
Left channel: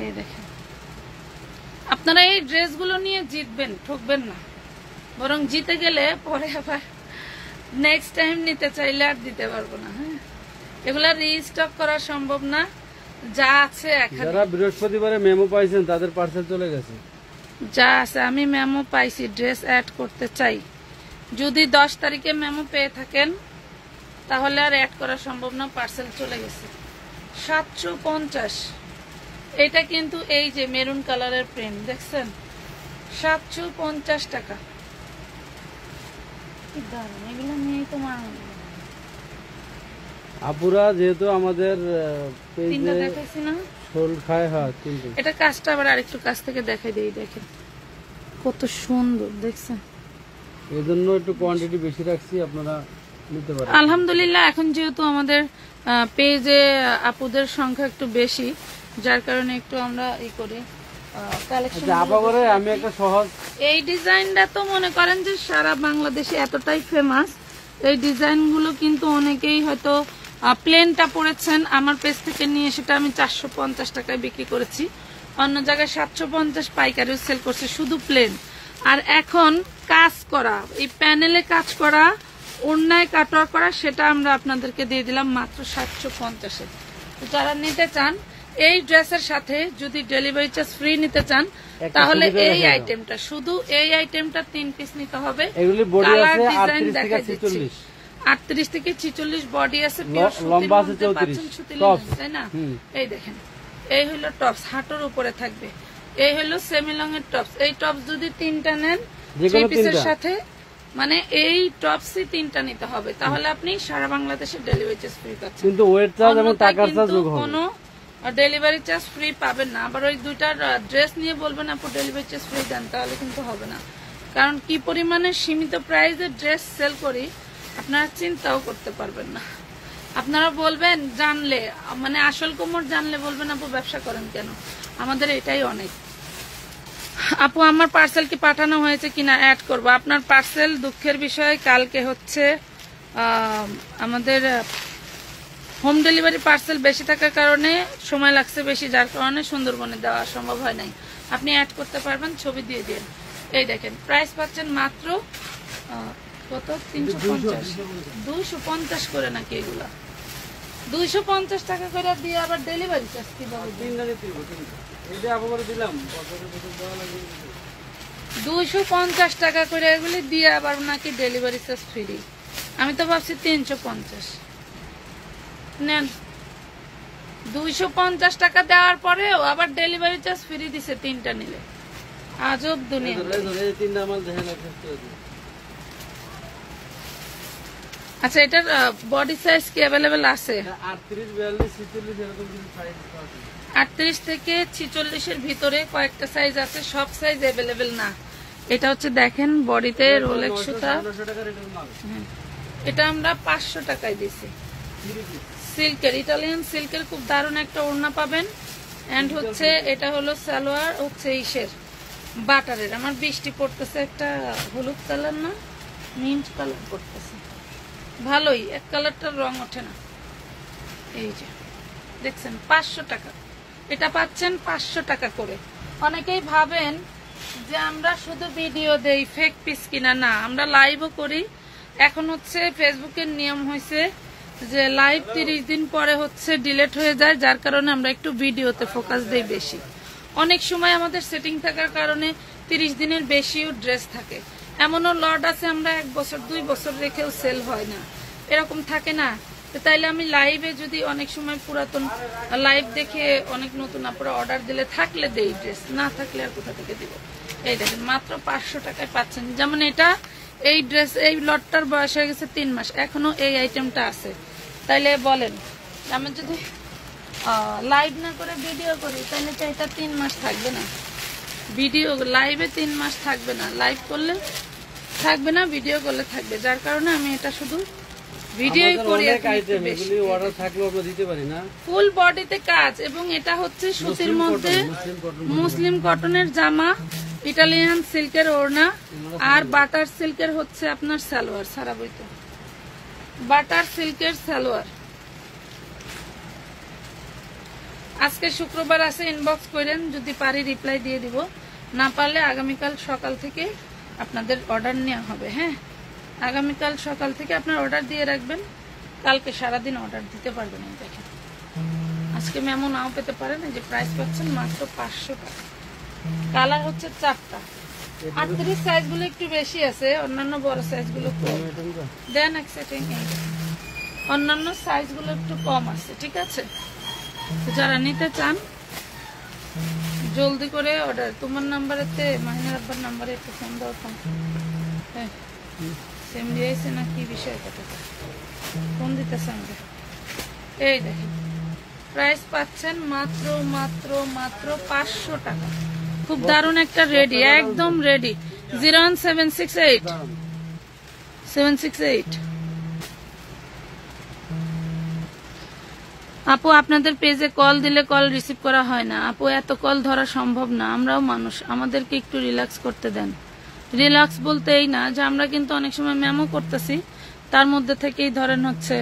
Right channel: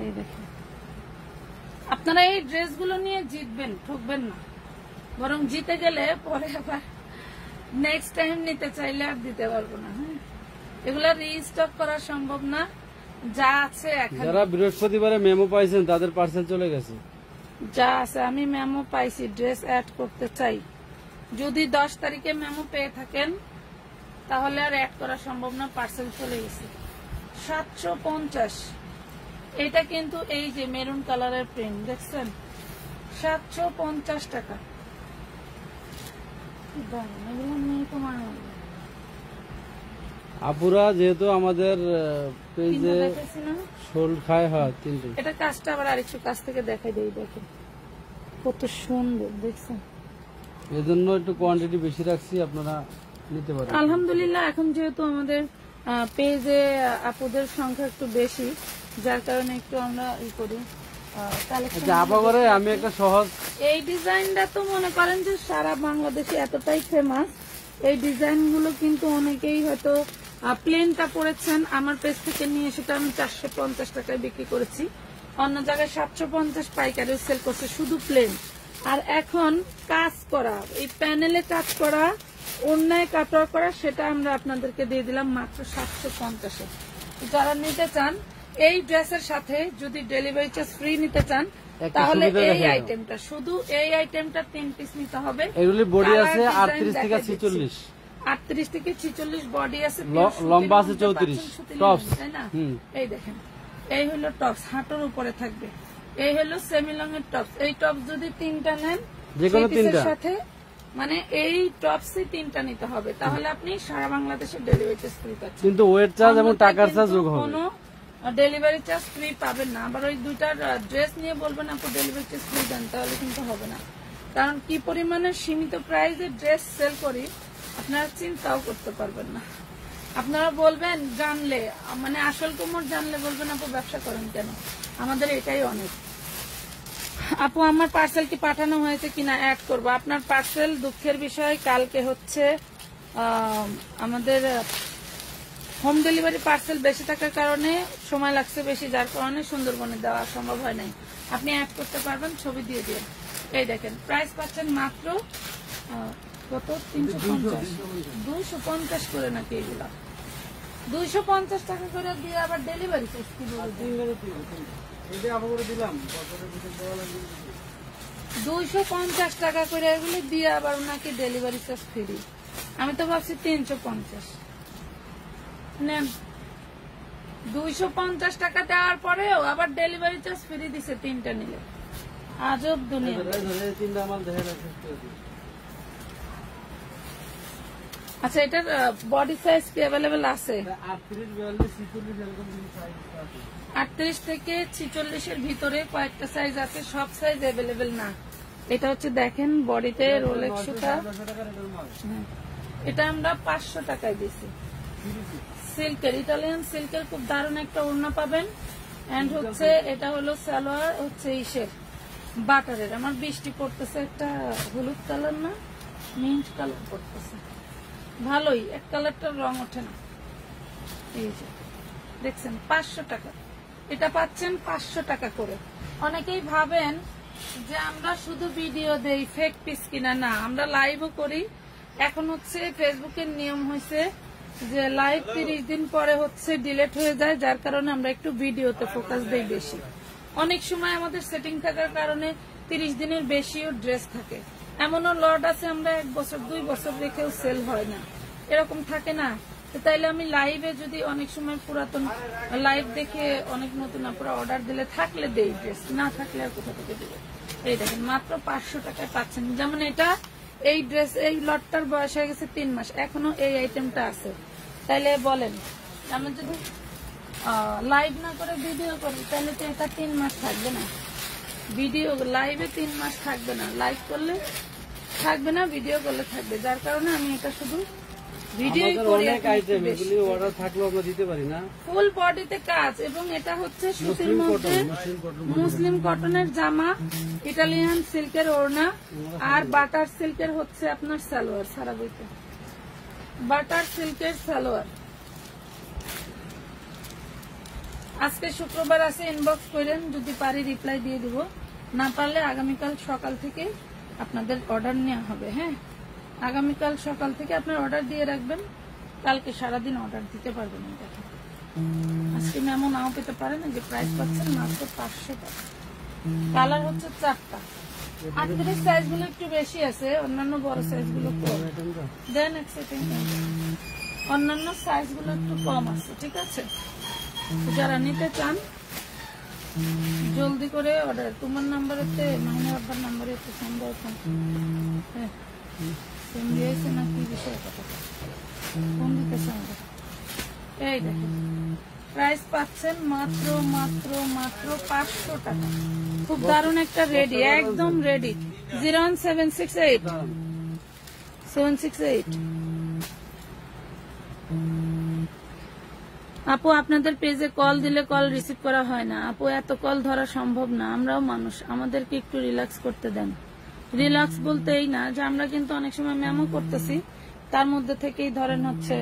এই দেখেন আপনারা এই ড্রেসগুলো নিয়ে জিতবেন, ঠকবেন না। বরং জিতে গেলে পরে আবার নেক্সট টাইম নিতে চাইলে আর দিতে পারবো না। হ্যাঁ, এগুলা রিস্টক করা সম্ভব না, যা আছে এখন। যারা বৃহস্পতিবারে মেমো পাইছেন তাদের পার্সেল চলে গেছে। যা আছে আমি মেমো পাইছি, ড্রেস অ্যাড করতে চাই। যদি 10 তারিখে মেমো পেয়ে থাকেন তাহলে আর অ্যাড করা সম্ভব না, পার্সেল চলে গেছে। 750। এটা কিন্তু এই যে মেরুন কালারের প্রিন্ট দেখছেন, 750 টাকা। এগুলো নিয়েই তো মানে আপুরা যেহেতু আমাদের পেজে দেখাচ্ছি না শোল খায়, হ্যাঁ, কিন্তু এটা কাজটা আবার আরেকটু কাছ থেকে দেখাই দেই। দেখেন কত সুন্দর দেখছেন, এজন্য একটু কোয়ান্টিটি বেশি রাখছি, আপনারা নিতে পারেন। আলহামদুলিল্লাহ এখন যেহেতু আমাদের পেজে আপুদের সংখ্যা একটু বেশি, যার কারণে একটু আমরা ই করি কালেকশন। আমি একটা সহজ এই ডিজাইনটা তো মনে করেন যে সারা বাংলাদেশে এতটাই ফেমাস। এই ডিজাইন গুলো কিন্তু অনেকেই হয়তো প্লেনটা পড়েছেন, আমার পেজ থেকে নিয়ে সেটা আমি 450 টাকায় বিক্রি করেছি, অন্য জায়গায় 750 পাইকারিও সেল করছে শুধু প্লেন। আর এখন কাজ করা, এই প্যানেলে কাজ করা, অন্যায় কাটওয়ার করা, সেটা আমরা আপনাদেরকে দিয়ে দিলাম মাত্র 750-এ। যারা নিতে চান এই ড্রেসের সাথে যদি ডেলিভারি চার্জ ফ্রি নিতে চান তাহলে এই আইটেমটা, শুধু এই আইটেমটা 3 পিস নিতে হবে। এগুলি বডি আছে 38 থেকে 46, 38 থেকে 46 বডি আছে, লম্বা আছে 34 টপস, তাই না? এই দেখেন এই হলো টপস, হাঁটুর উপরে থাকবে। এই হলো সেমি লং এর টপস। এই টপস যদি 3টা নেন পিসের সাথে, মানে এই টপসই 3টা নিতে হবে, তাহলে আপনি সারা বাংলাদেশে ডেলিভারি চার্জ ফ্রি পাচ্ছেন। কিন্তু ওয়েট চার্জ এবং টাকার চার্জ যোগ হবে, কোনো ডেলিভারি চার্জ ফ্রি পাবেন না। আবার ওই দুইটা ড্রেস নিয়ে বলবেন আপু ডেলিভারি চার্জ ফ্রি দেন, তাহলে কিন্তু হবে না। কারণ কি পরিমাণে সীমিত প্রাইসে ড্রেস সেল করি আপনারা চিন্তাও করতে পারবেন না। আপনারা বলবেন জানলে, মানে আসল কোমর জানলে বলবেন আপু ব্যবসা করেন কেন। আমাদের এটাই অনেক। আপু আমার পার্সেল কি পাঠানো হয়েছে কিনা অ্যাড করবো। আপনার পার্সেল দুঃখের বিষয় কালকে হচ্ছে আমাদের হোম ডেলিভারি পার্সেল বেশি থাকার কারণে সময় লাগছে বেশি, যার কারণে সুন্দরবনে দেওয়া সম্ভব হয় নাই। আপনি অ্যাড করতে পারবেন, ছবি দিয়ে দিন। এই দেখেন প্রাইস পাচ্ছেন মাত্র কত, 350, 250 করে নাকি এগুলা, 250 টাকা করে দিয়ে আবার ডেলিভারি চার্জ কিভাবে 250 টাকা করে এগুলি দিয়ে আবার নাকি ডেলিভারি চার্জ ফ্রি। আমি তো ভাবছি 350 নেন। 250 টাকা দেওয়ার পরেও আবার ডেলিভারি চার্জ ফ্রি দিছে 3টা নিলে। আজব দুনিয়া। আচ্ছা এটার বডি সাইজ কি অ্যাভেলেবেল আছে? 38 থেকে 46 এর ভিতরে কয়েকটা সাইজ আছে, সব সাইজ অ্যাভেলেবেল না। এটা হচ্ছে দেখেন বডিতে রোলেক্স সুতা, এটা আমরা 500 টাকায় দিছি। সিল্কের, ইটালিয়ান সিল্কের খুব দারুণ একটা ওড়না পাবেন। এন্ড হচ্ছে এটা হলো সালোয়ার হচ্ছে ইসের বাটারের। আমার বৃষ্টি পড়তেছে, একটা হলুদ কালার না মিন্ট কালার পড়তেছে, ভালোই, এক কালারটার রং ওঠে না। এই যে দেখছেন 500 টাকা, এটা পাচ্ছেন 500 টাকা করে। অনেকেই ভাবেন যে আমরা শুধু ভিডিও দেই, ফেক পিস কিনা, না আমরা লাইভও করি। এখন হচ্ছে ফেসবুকের নিয়ম হয়েছে যে লাইভ 30 দিন পরে হচ্ছে ডিলিট হয়ে যায়, যার কারণে আমরা একটু ভিডিওতে ফোকাস দেই বেশি। অনেক সময় আমাদের সেটিং থাকার কারণে 30 দিনের বেশিও ড্রেস থাকে। এমনও লট আছে আমরা 1 বছর 2 বছর রেখেও সেল হয় না, এরকম থাকে না। তো তাইলে আমি লাইভে যদি অনেক সময় পুরাতন লাইভ দেখে অনেক নতুন আপুরা অর্ডার দিলে থাকলে দেই ড্রেস, না থাকলে আর কোথা থেকে দিব। এই দেখেন মাত্র 500 টাকায় পাচ্ছেন। যেমন এটা এই ড্রেস এই লটটার বয়স হয়ে গেছে 3 মাস, এখনো এই আইটেমটা আছে। তাইলে বলেন আমি যদি লাইভ না করে ভিডিও করি তাহলে তো এটা 3 মাস থাকবে না। ভিডিও লাইভে 3 মাস থাকবে না, লাইভ করলে থাকবে না, ভিডিও করলে থাকবে। যার কারণে আমি এটা শুধু ভিডিও করি। অর্ডার থাকলেও আমরা দিতে পারি না। ফুল বডিতে কাজ এবং এটা হচ্ছে সুতির মধ্যে মুসলিম কটনের জামা, ইটালিয়ান সিল্কের ওড়না আর বাটার সিল্কের হচ্ছে আপনার সালোয়ার। সারা বইতে বাটার সিল্কের সালোয়ার। আজকে শুক্রবার আছে, ইনবক্স করেন, যদি পারি রিপ্লাই দিয়ে দিব, না পারলে আগামীকাল সকাল থেকে আপনাদের অর্ডার নেওয়া হবে। হ্যাঁ, আগামীকাল সকাল থেকে আপনার অর্ডার দিয়ে রাখবেন, কালকে সারাদিন অর্ডার দিতে পারবেন। দেখেন আজকে মেমো নাও পেতে পারেন। যে প্রাইস পাচ্ছেন মাত্র 500 টাকা। কালার হচ্ছে 4টা। 38 সাইজ গুলো একটু বেশি আছে, অন্যান্য বড় সাইজ গুলো দেন এক্সাইটিং, অন্যান্য সাইজ গুলো একটু কম আছে। ঠিক আছে, যারা নিতে চান জলদি করে অর্ডার। তোমার নাম্বারেতে মাহিনার আব্বার নাম্বারে একটু ফোন দাও। হ্যাঁ সেম দিয়েছে না কি বিষয়, কথা ফোন দিতেছে আমাদের। এই দেখেন প্রাইস পাচ্ছেন মাত্র মাত্র মাত্র 500 টাকা। খুব দারুণ একটা রেডি, একদম রেডি। 01768 আপু আপনাদের পেজে কল দিলে কল রিসিভ করা হয় না। আপু এত কল ধরা সম্ভব না, আমরাও মানুষ, আমাদেরকে একটু রিল্যাক্স করতে দেন। রিল্যাক্স বলতে এই না যে আমরা কিন্তু অনেক সময় মেমো করতেছি, তার মধ্যে থেকেই ধরেন হচ্ছে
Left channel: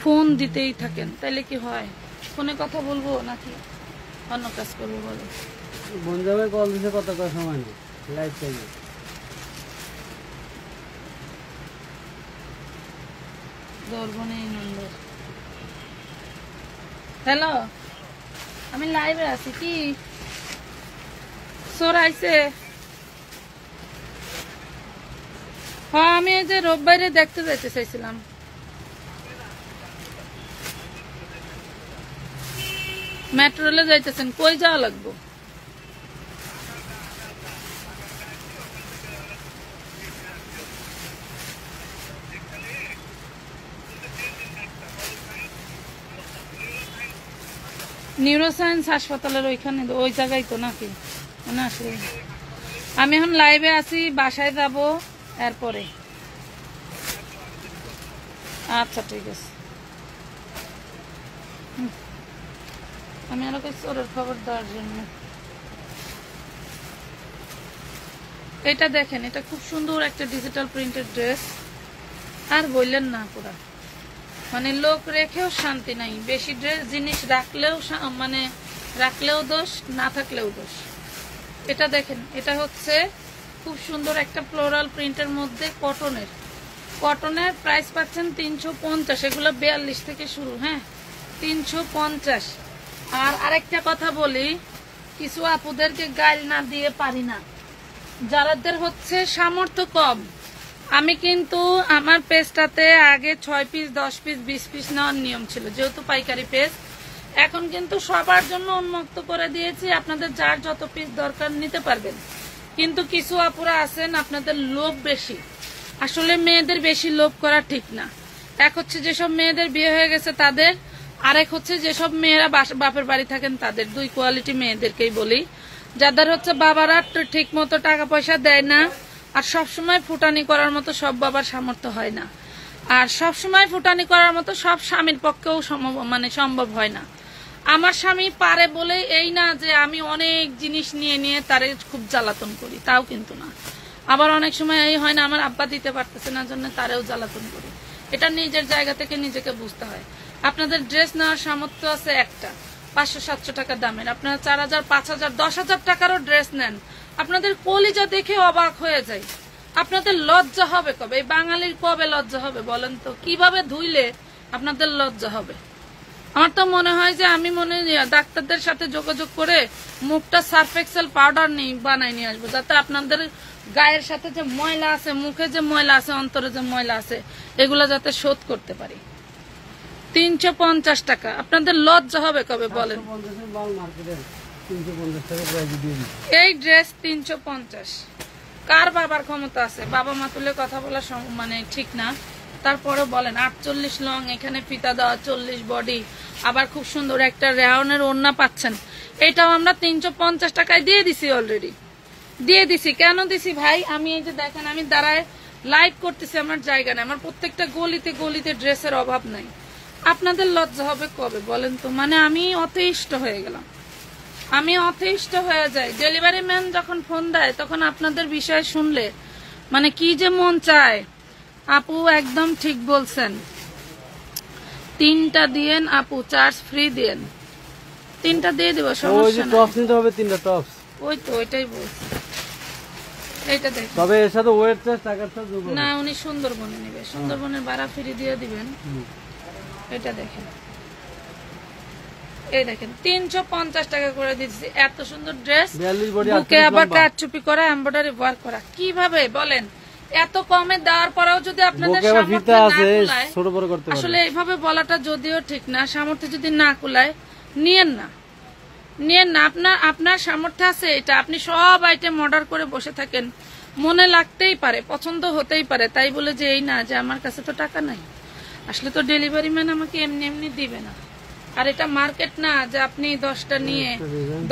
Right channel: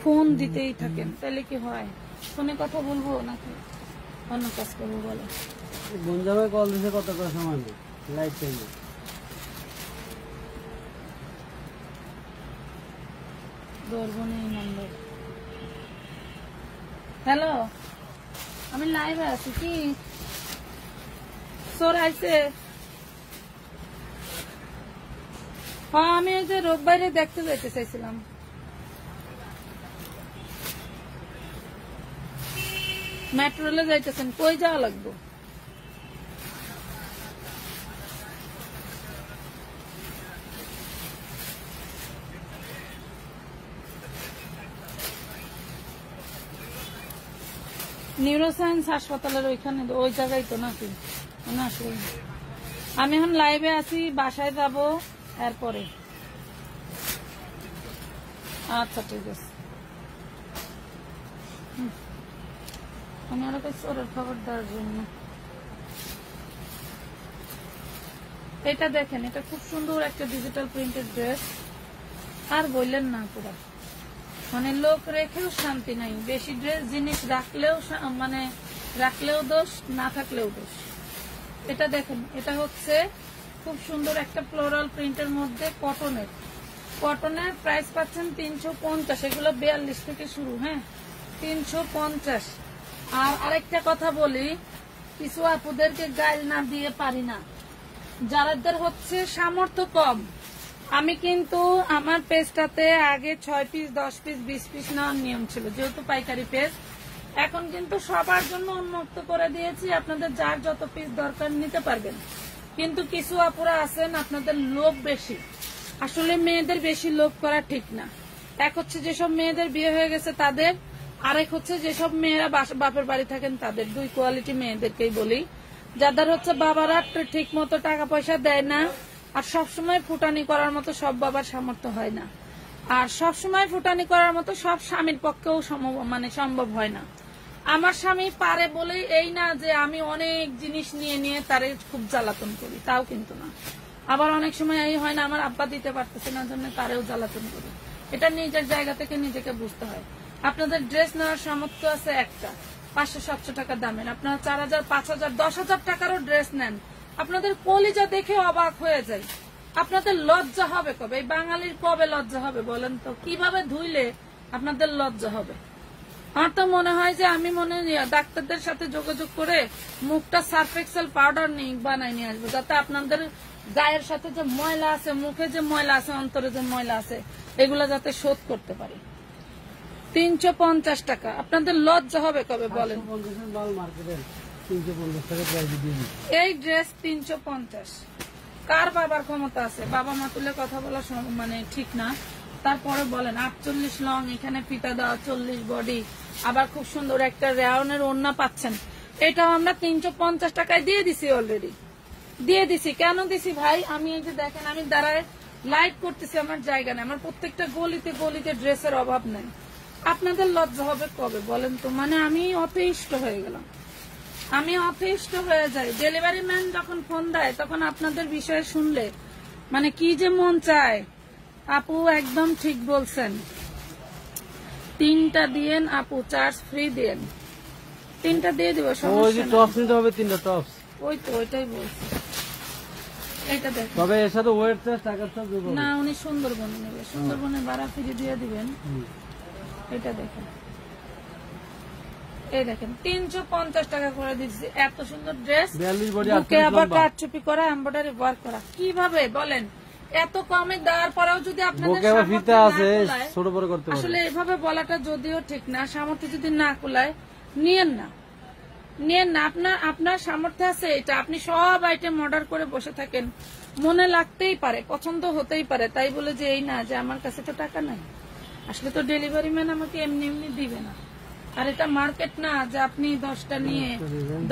ফোন দিতেই থাকেন, তাইলে কি হয়? ফোনে কথা বলবো নাকি অন্য কাজ করবো বলে? বঞ্জাবে কল দিতে কতটা সময় নেই, লাইভ টাইমে ধরবো নেই নম্বর। হ্যালো, আমি লাইভে আছি। কি সোর আইছে? হ্যাঁ, আমি এই যে রোববারে দেখতে যেতে চাইছিলাম। মেট্রো রেলে যাইতেছেন, কই যাওয়া লাগবো? নিউরোসায়েন্স হাসপাতালের ওইখানে, ওই জায়গায় তো নাকি? মনে আসলে আমি এখন লাইভে আছি, বাসায় যাব এরপরে। আচ্ছা ঠিক আছে, আমি আরো ওর খবর দেওয়ার জন্য। এটা দেখেন, এটা খুব সুন্দর একটা ডিজিটাল প্রিন্টেড ড্রেস। আর বললেন না, পুরা মানে লোক রেখেও শান্তি নাই। বেশি ড্রেস জিনিস রাখলেও মানে রাখলেও দোষ, না থাকলেও দোষ। এটা দেখেন, এটা হচ্ছে খুব সুন্দর একটা ফ্লোরাল প্রিন্টের মধ্যে কটনের প্রাইস পাচ্ছেন 350। এগুলো 42 থেকে শুরু। হ্যাঁ 350। আর আরেকটা কথা বলি, কিছু আপুদেরকে গাইল না দিয়ে পারি না, যাদের হচ্ছে সামর্থ্য কম। আমি কিন্তু আমার পেজটাতে আগে 6 পিস 10 পিস 20 পিস নেওয়ার নিয়ম ছিল, যেহেতু পাইকারি পেজ। এখন কিন্তু সবার জন্য উন্মুক্ত করে দিয়েছি, আপনাদের যার যত পিস দরকার নিতে পারবেন। কিন্তু কিছু আপুরা আছেন আপনাদের লোভ বেশি। আসলে মেয়েদের বেশি লোভ করা ঠিক না। এক হচ্ছে যেসব মেয়েদের বিয়ে হয়ে গেছে তাদের, আরেক হচ্ছে যেসব মেয়েরা বাপের বাড়ি থাকেন তাদের। 2 কোয়ালিটি মেয়েদেরকেই বলি, যাদের হচ্ছে বাবারা ঠিক মতো টাকা পয়সা দেয় না, আর সবসময় ফুটানি করার মতো সব বাবার সামর্থ্য হয় না, আর সবসময় ফুটানি করার মতো সব স্বামীর পক্ষেও সম্ভব হয় না। আমার স্বামী পারে বলেই এই না যে আমি অনেক জিনিস নিয়ে নিয়ে তারে খুব জ্বালাতন করি, তাও কিন্তু না। আবার অনেক সময় এই হয় না আমার আব্বা দিতে পারতেছে না জন্য তারেও জ্বালাতন করি। এটা নিজের জায়গা থেকে নিজেকে বুঝতে হয়। আপনাদের ড্রেস নেওয়ার সামর্থ্য আছে একটা 500-700 টাকা দামের, আপনারা 4000, 5000, 10,000 টাকারও ড্রেস নেন, আপনাদের কলিজা দেখে অবাক হয়ে যায়। আপনাদের লজ্জা হবে কবে? এই বাঙালির কবে লজ্জা হবে বলেন তো? কিভাবে ধুইলে আপনাদের লজ্জা হবে? আমার তো মনে হয় যে আমি ডাক্তারদের সাথে যোগাযোগ করে মুখটা সার্ফ এক্সেল পাউডার বানাই নিয়ে আসবো, যাতে আপনাদের গায়ের সাথে যে ময়লা আছে, মুখে যে ময়লা আছে, অন্তরে যে ময়লা আছে, এগুলো যাতে শোধ করতে পারি। 350 টাকা। আপনাদের লজ্জা হবে কবে বলেন? 350 মাল মার্কেটে 350 টাকা প্রাইস দিয়ে দিচ্ছি। এই ড্রেস 350। কার বাবার ক্ষমতা আছে? বাবা মা তুলে কথা বলা মানে ঠিক না, তারপরে বলেন 48 লং, এখানে ফিতা দেওয়া, 40 বডি, আবার খুব সুন্দর একটা রেওনের ওড়না পাচ্ছেন। এটাও আমরা 350 টাকায় দিয়ে দিছি, অলরেডি দিয়ে দিছি। কেন দিছি ভাই? আমি এই যে দেখেন, আমি দাঁড়ায় লাইভ করতেছি, আমার জায়গা নেই, আমার প্রত্যেকটা গলিতে গলিতে ড্রেসের অভাব নাই। আপনাদের লজ্জা হবে কবে বলেন তো? মানে আমি অতিষ্ঠ হয়ে গেলাম, আমি অতিষ্ঠ হয়ে যাই। ডেলিভারি ম্যান যখন ফোন দেয় তখন আপনাদের বিষয় শুনলে মানে কি যে মন চায়। আপু একদম ঠিক বলছেন, 3টা দিয়েন আপু, চার্জ ফ্রি দিয়েন। 3টা দিয়ে দেবো, সমস্যা টপস নিতে হবে, 3টা টপস। ওই তো ওইটাই বলছি। এটা দেখ, তবে এর সাথে ওয়েট চার্জ, টাকার চার্জ না, উনি সুন্দরবনে নেবে, সুন্দরবনের ভাড়া ফ্রি দিয়ে দিবেন। এটা দেখেন, এই দেখেন 350 টাকা করে দিচ্ছি। এত সুন্দর ড্রেস, বুকে আবার কাটচুপি করা, এমব্রয়ডারি ওয়ার্ক করা। কিভাবে বলেন? এত কমে দেওয়ার পরেও যদি আপনাদের সামর্থ্য না কুলায়, আসলে এইভাবে বলাটা যদিও ঠিক না, সামর্থ্য যদি না কুলায় নিয়েন না, নিয়েন না। আপনার সামর্থ্য আছে, এটা আপনি সব আইটেম অর্ডার করে বসে থাকেন, মনে লাগতেই পারে, পছন্দ হতেই পারে, তাই বলে যে এই না যে আমার কাছে তো টাকা নাই। আসলে তো ডেলিভারি ম্যান আমাকে এমনি এমনি দিবে না। আর এটা মার্কেট না যে আপনি 10টা নিয়ে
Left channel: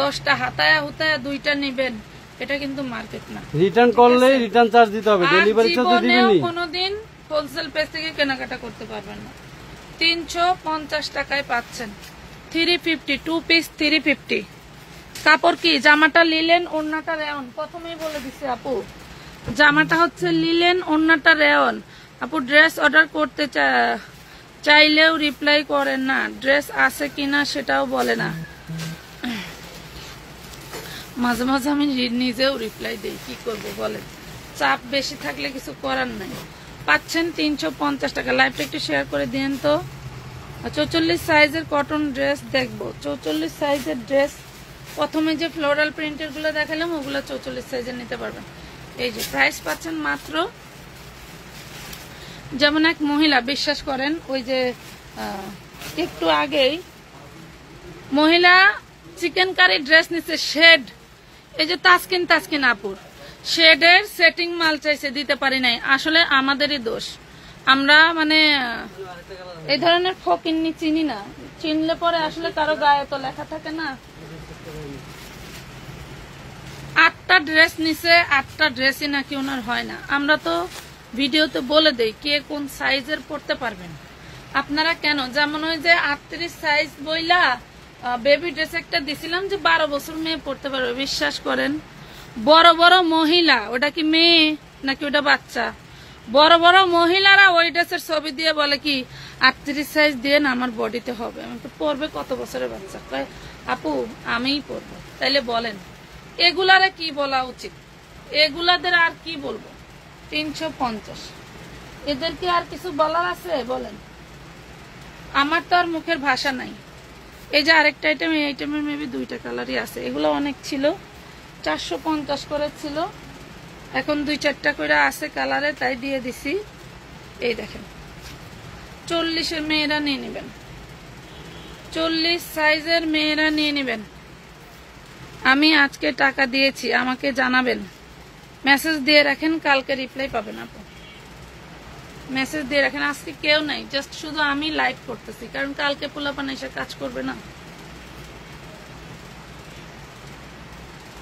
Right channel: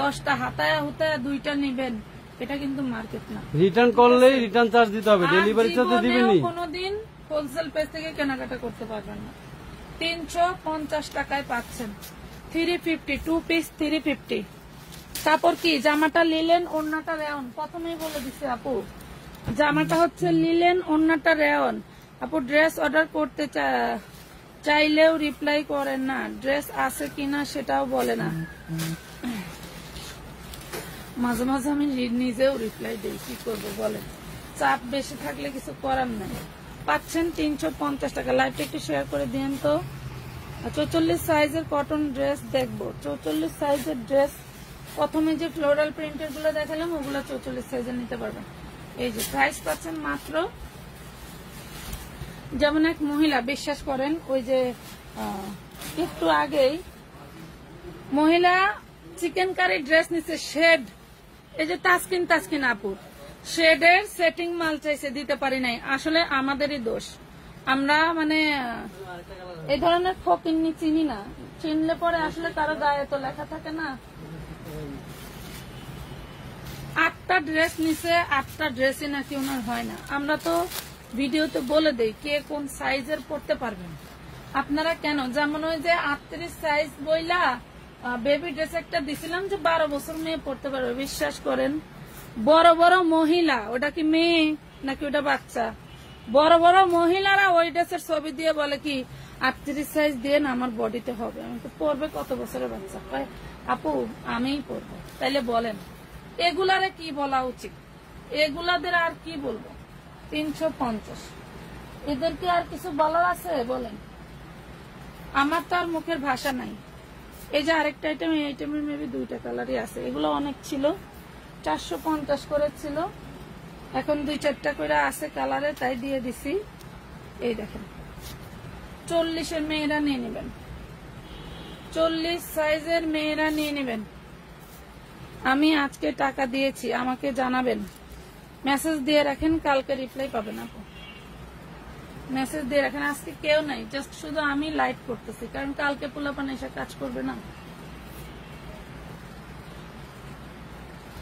10টা হাতায়া হুতায়া 2টা নিবেন, এটা কিন্তু মার্কেট না। রিটার্ন করলে রিটার্ন চার্জ দিতে হবে, ডেলিভারি চার্জ তো দিবেনই। কোনোদিন হোলসেল পেজ থেকে কেনাকাটা করতে পারবেন না। 350 টাকায় পাচ্ছেন 350, 2 পিস 350। কাপড় কি? জামাটা লিলেন, ওড়নাটা রেয়ন। প্রথমেই বলে দিছি আপু, জামাটা হচ্ছে লিলেন, ওড়নাটা রেয়ন। আপু ড্রেস অর্ডার করতে চাইলেও রিপ্লাই করেন না, ড্রেস আছে কিনা সেটাও বলে না। মাঝে মাঝে আমি নিজেও রিপ্লাই দিই, কি করবো বলেন? চাপ বেশি থাকলে কিছু করার নাই। পাচ্ছেন 350 টাকা। লাইভটা একটু শেয়ার করে দিন তো। 44 সাইজের কটন ড্রেস দেখবো। 44 সাইজের ড্রেস, প্রথমে যে ফ্লোরাল প্রিন্টের গুলো দেখালাম ওগুলো 44 সাইজের নিতে পারবেন। এই যে প্রাইস পাচ্ছেন মাত্র, যেমন এক মহিলা, বিশ্বাস করেন, ওই যে একটু আগেই মহিলা চিকেন কারি ড্রেস নিচ্ছে, শেড, এই যে তাসকিন আপুর শেডের সেটিং মাল চাইছে, দিতে পারি নাই। আসলে আমাদেরই দোষ, আমরা মানে এই ধরনের ফকিন্নি চিনি না, চিনলে পরে আসলে কারো গায়ে তো লেখা থাকে না। 8টা ড্রেস নিছে, 8টা ড্রেসই নাকি ওনার হয় না। আমরা তো ভিডিওতে বলে দেই কে কোন সাইজের পড়তে পারবেন। আপনারা কেন, যেমন ওই যে 38 সাইজ বইলা বেবি ড্রেস একটা দিছিলাম যে 12 বছর মেয়ে পড়তে পারবে, বিশ্বাস করেন বড় বড় মহিলা, ওটা কি মেয়ে নাকি ওটা বাচ্চা, বড় বড় মহিলারা ওই ড্রেসের ছবি দিয়ে বলে কি 38 সাইজ দিয়ে না আমার বডিতে হবে। আমি তো পড়বে কত বছরের বাচ্চা? আপু আমিই পড়বো। তাইলে বলেন এগুলারে কি বলা উচিত? এগুলাদের আর কি বলবো? 350। এদেরকে আর কিছু বলার আছে বলেন? আমার তো আর মুখের ভাষা নাই। এই যে আরেকটা আইটেম, এই আইটেমের মেবি 2টা কালারই আছে। এগুলো অনেক ছিল, 450 করে ছিল, এখন 2-4টা করে আছে কালারে, তাই দিয়ে দিছি। এই দেখেন 40-এর মেয়েরা নিয়ে নেবেন, 40 সাইজের মেয়েরা নিয়ে নেবেন। আমি আজকে টাকা দিয়েছি, আমাকে জানাবেন, মেসেজ দিয়ে রাখেন, কালকে রিপ্লাই পাবেন। আপু মেসেজ দিয়ে রাখেন। আজকে কেউ নাই, জাস্ট শুধু আমি লাইভ করতেছি, কারণ কালকে পোলাপান এসে কাজ করবে না।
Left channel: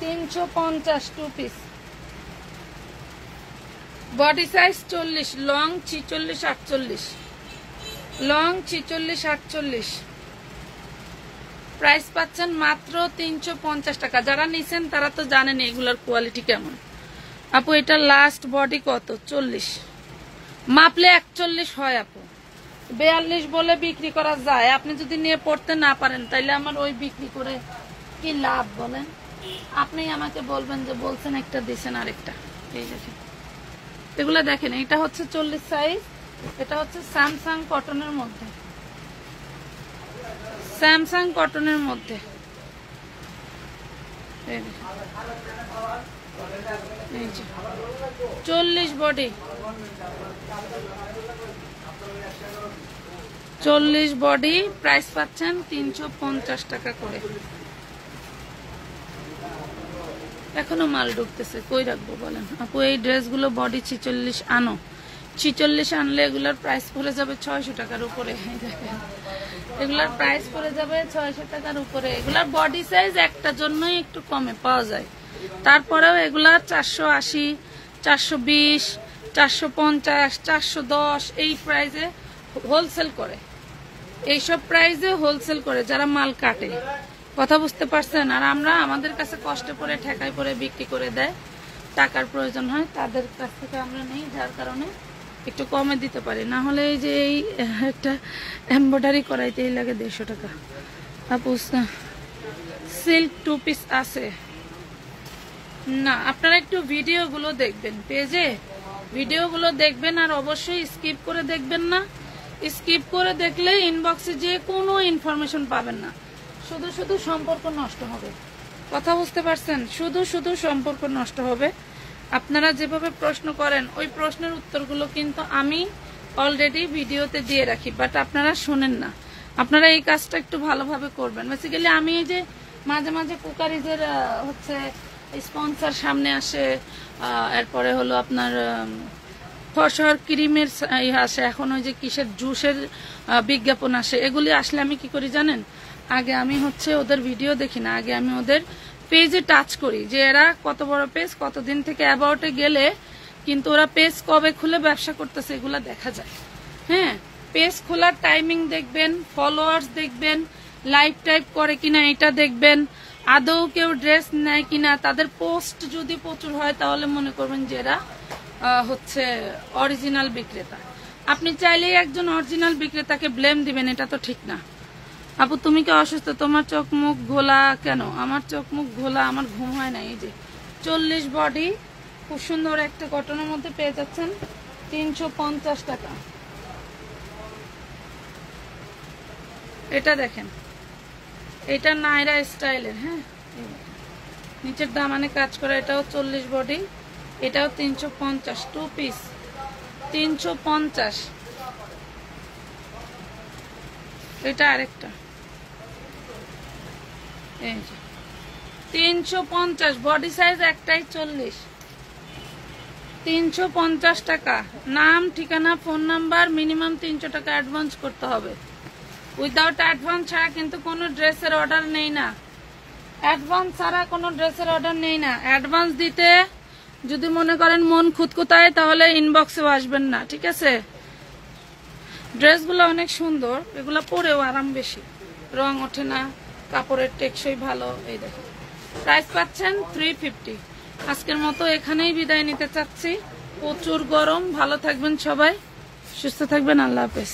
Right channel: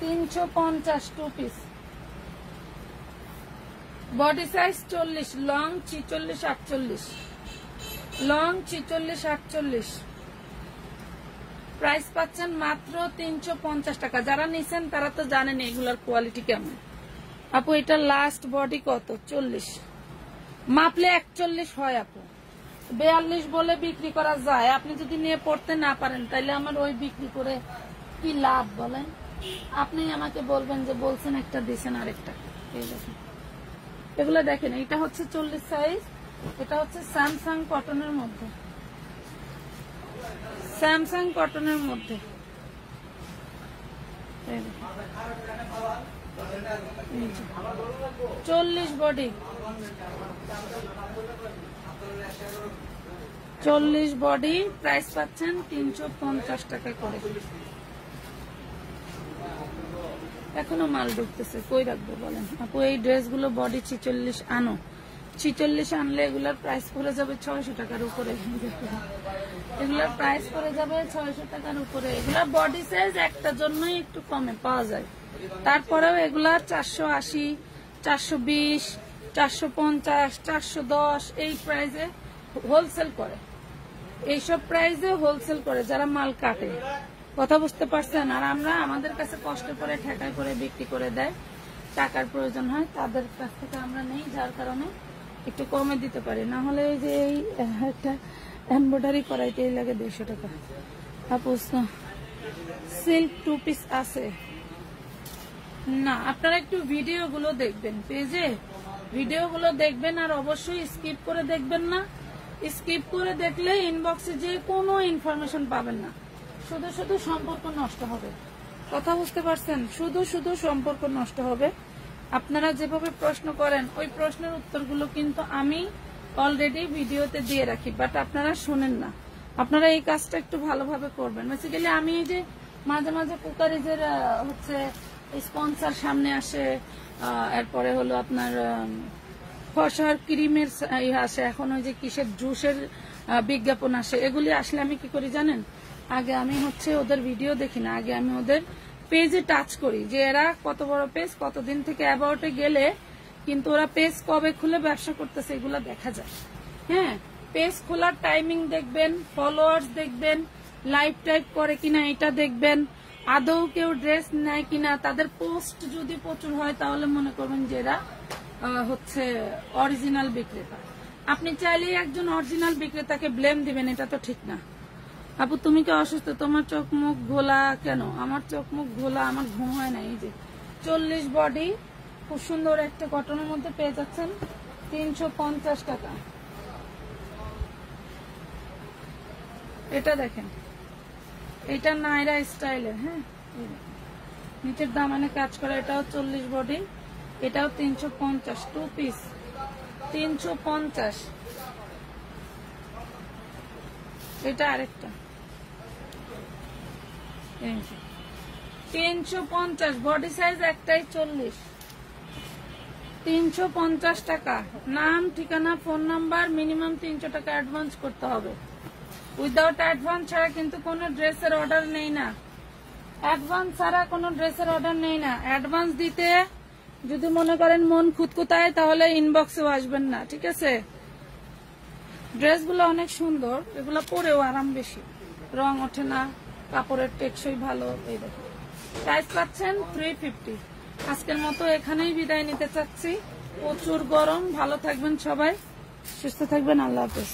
350 2 piece, body size 40, long 46 48, long 46 48। Price পাচ্ছেন মাত্র 350 টাকা। যারা নিছেন তারা তো জানেন এগুলার কোয়ালিটি কেমন। আপু এটা লাস্ট বডি কত? 40, মাপলে 41 হয় আপু, 42 বলে বিক্রি করা যায়। আপনি যদি নিয়ে পড়তে না পারেন তাইলে আমার ওই বিক্রি করে কি লাভ বলেন? আপনি আমাকে বলবেন যে বলছেন একটা দিছেন আরেকটা। এই দেখেন এগুলা দেখেন, এটা হচ্ছে 40 সাইজ, এটা হচ্ছে স্যামসাং কটনের মধ্যে, স্যামসাং কটনের মধ্যে। 40 বডি, 40 বডি, প্রাইস পাচ্ছেন 350 টাকা করে। এখনো মাল ঢুকতেছে, কই রাখবো বলেন আপু? এই ড্রেসগুলো বডি 46 আনো, 46 আনলে এগুলোর প্রাইস পড়ে যাবে 600 টাকার উপরে। এগুলোর প্রাইস পড়ে যাবে 600 টাকার উপরে। এগুলার বডি সাইজ একটা জন্যই একটু কমে পাওয়া যায়, তারপরেও এগুলা 480, 420, 450, 410 এই প্রাইজে হোলসেল করে। এইসব প্রাইজে হোলসেল করে যারা মাল কাটে, কথা বুঝতে পারছেন? আর আমরা আমাদের কাছে কষ্ট করে ঠেকাই করে বিক্রি করে দেয়, টাকার প্রয়োজন হয় তাদের কাছ থেকে আমরা নেই, যার কারণে একটু কমে দিতে পারি। না হলে এই যে এই একটা এমব্রয়ডারি করাইতেই লাগে 150 টাকা। আপু সিল্ক 2 পিস আছে না? আপনারা একটু ভিডিওগুলো দেখবেন, পেজে ভিডিওগুলো দেখবেন, আর অবশ্যই স্কিপ করে দেখবেন না। স্কিপ করে দেখলে ইনবক্সে যে কোনো ইনফরমেশন পাবেন না, শুধু শুধু সম্পর্ক নষ্ট হবে। কথা বুঝতে পারছেন? শুধু শুধু সম্পর্ক নষ্ট হবে। আপনারা যেভাবে প্রশ্ন করেন ওই প্রশ্নের উত্তরগুলো কিন্তু আমি অলরেডি ভিডিওতে দিয়ে রাখি, বাট আপনারা শুনেন না। আপনারা এই কাজটা একটু ভালোভাবে করবেন। বেসিক্যালি আমি এই যে মাঝে মাঝে কুকারিজের হচ্ছে স্পন্সর সামনে আসে, এরপরে হলো আপনার ফসর ক্রিমের আসে, এখন ওই যে কিসের জুসের বিজ্ঞাপন আসে, এগুলি আসলে আমি কি করি জানেন? আগে আমি হচ্ছে ওদের ভিডিও দেখি না, আগে আমি ওদের পেজে টাচ করি যে এরা কত বড় পেজ, কতদিন থেকে অ্যাবাউটে গেলে কিন্তু ওরা পেজ কবে খুলে ব্যবসা করতেছে এগুলা দেখা যায়। হ্যাঁ, পেজ খোলার টাইমিং দেখবেন, ফলোয়ার্স দেখবেন, লাইভ টাইপ করে কিনা এটা দেখবেন, আদৌ কেউ ড্রেস নেয় কিনা, তাদের পোস্ট যদি প্রচুর হয় তাহলে মনে করবেন যে এরা হচ্ছে অরিজিনাল বিক্রেতা। আপনি চাইলেই একজন অরিজিনাল বিক্রেতাকে ব্লেম দিবেন, এটা তো ঠিক না। আপু তুমি কি অসুস্থ? তোমার চোখ মুখ ঘোলা কেন? আমার চোখ মুখ ঘোলা, আমার ঘুম হয় না। এই যে 40 বডি, খুব সুন্দর একটা কটনের মধ্যে পেয়ে যাচ্ছেন 350 টাকা। এটা দেখেন, এটা নাইরা স্টাইলের। হ্যাঁ, নিচের দামানে কাজ করা, এটাও 40 বডি, এটাও 350, 2 পিস 350। এটা আরেকটা 350, বডি সাইজ একটাই 40, 350 টাকা। নাম, ঠিকানা, ফোন নাম্বার, মিনিমাম 300 টাকা অ্যাডভান্স করতে হবে। উইদাউট অ্যাডভান্স ছাড়া কিন্তু কোনো ড্রেসের অর্ডার নেই না, অ্যাডভান্স ছাড়া কোনো ড্রেসের অর্ডার নেই না। অ্যাডভান্স দিতে যদি মনে করেন মন খুঁতখুঁতায় তাহলে ইনবক্সেও আসবেন না, ঠিক আছে? ড্রেসগুলো অনেক সুন্দর, এগুলো পরেও আরাম বেশি, রং ওঠে না, কাপড়ের টেকসই ভালো। এই দেখুন, প্রাইস পাচ্ছেন 350। আজকের মতো এখানেই বিদায় নিতে চাচ্ছি। প্রচুর গরম, ভালো থাকবেন সবাই, সুস্থ থাকবেন, আল্লাহ হাফেজ।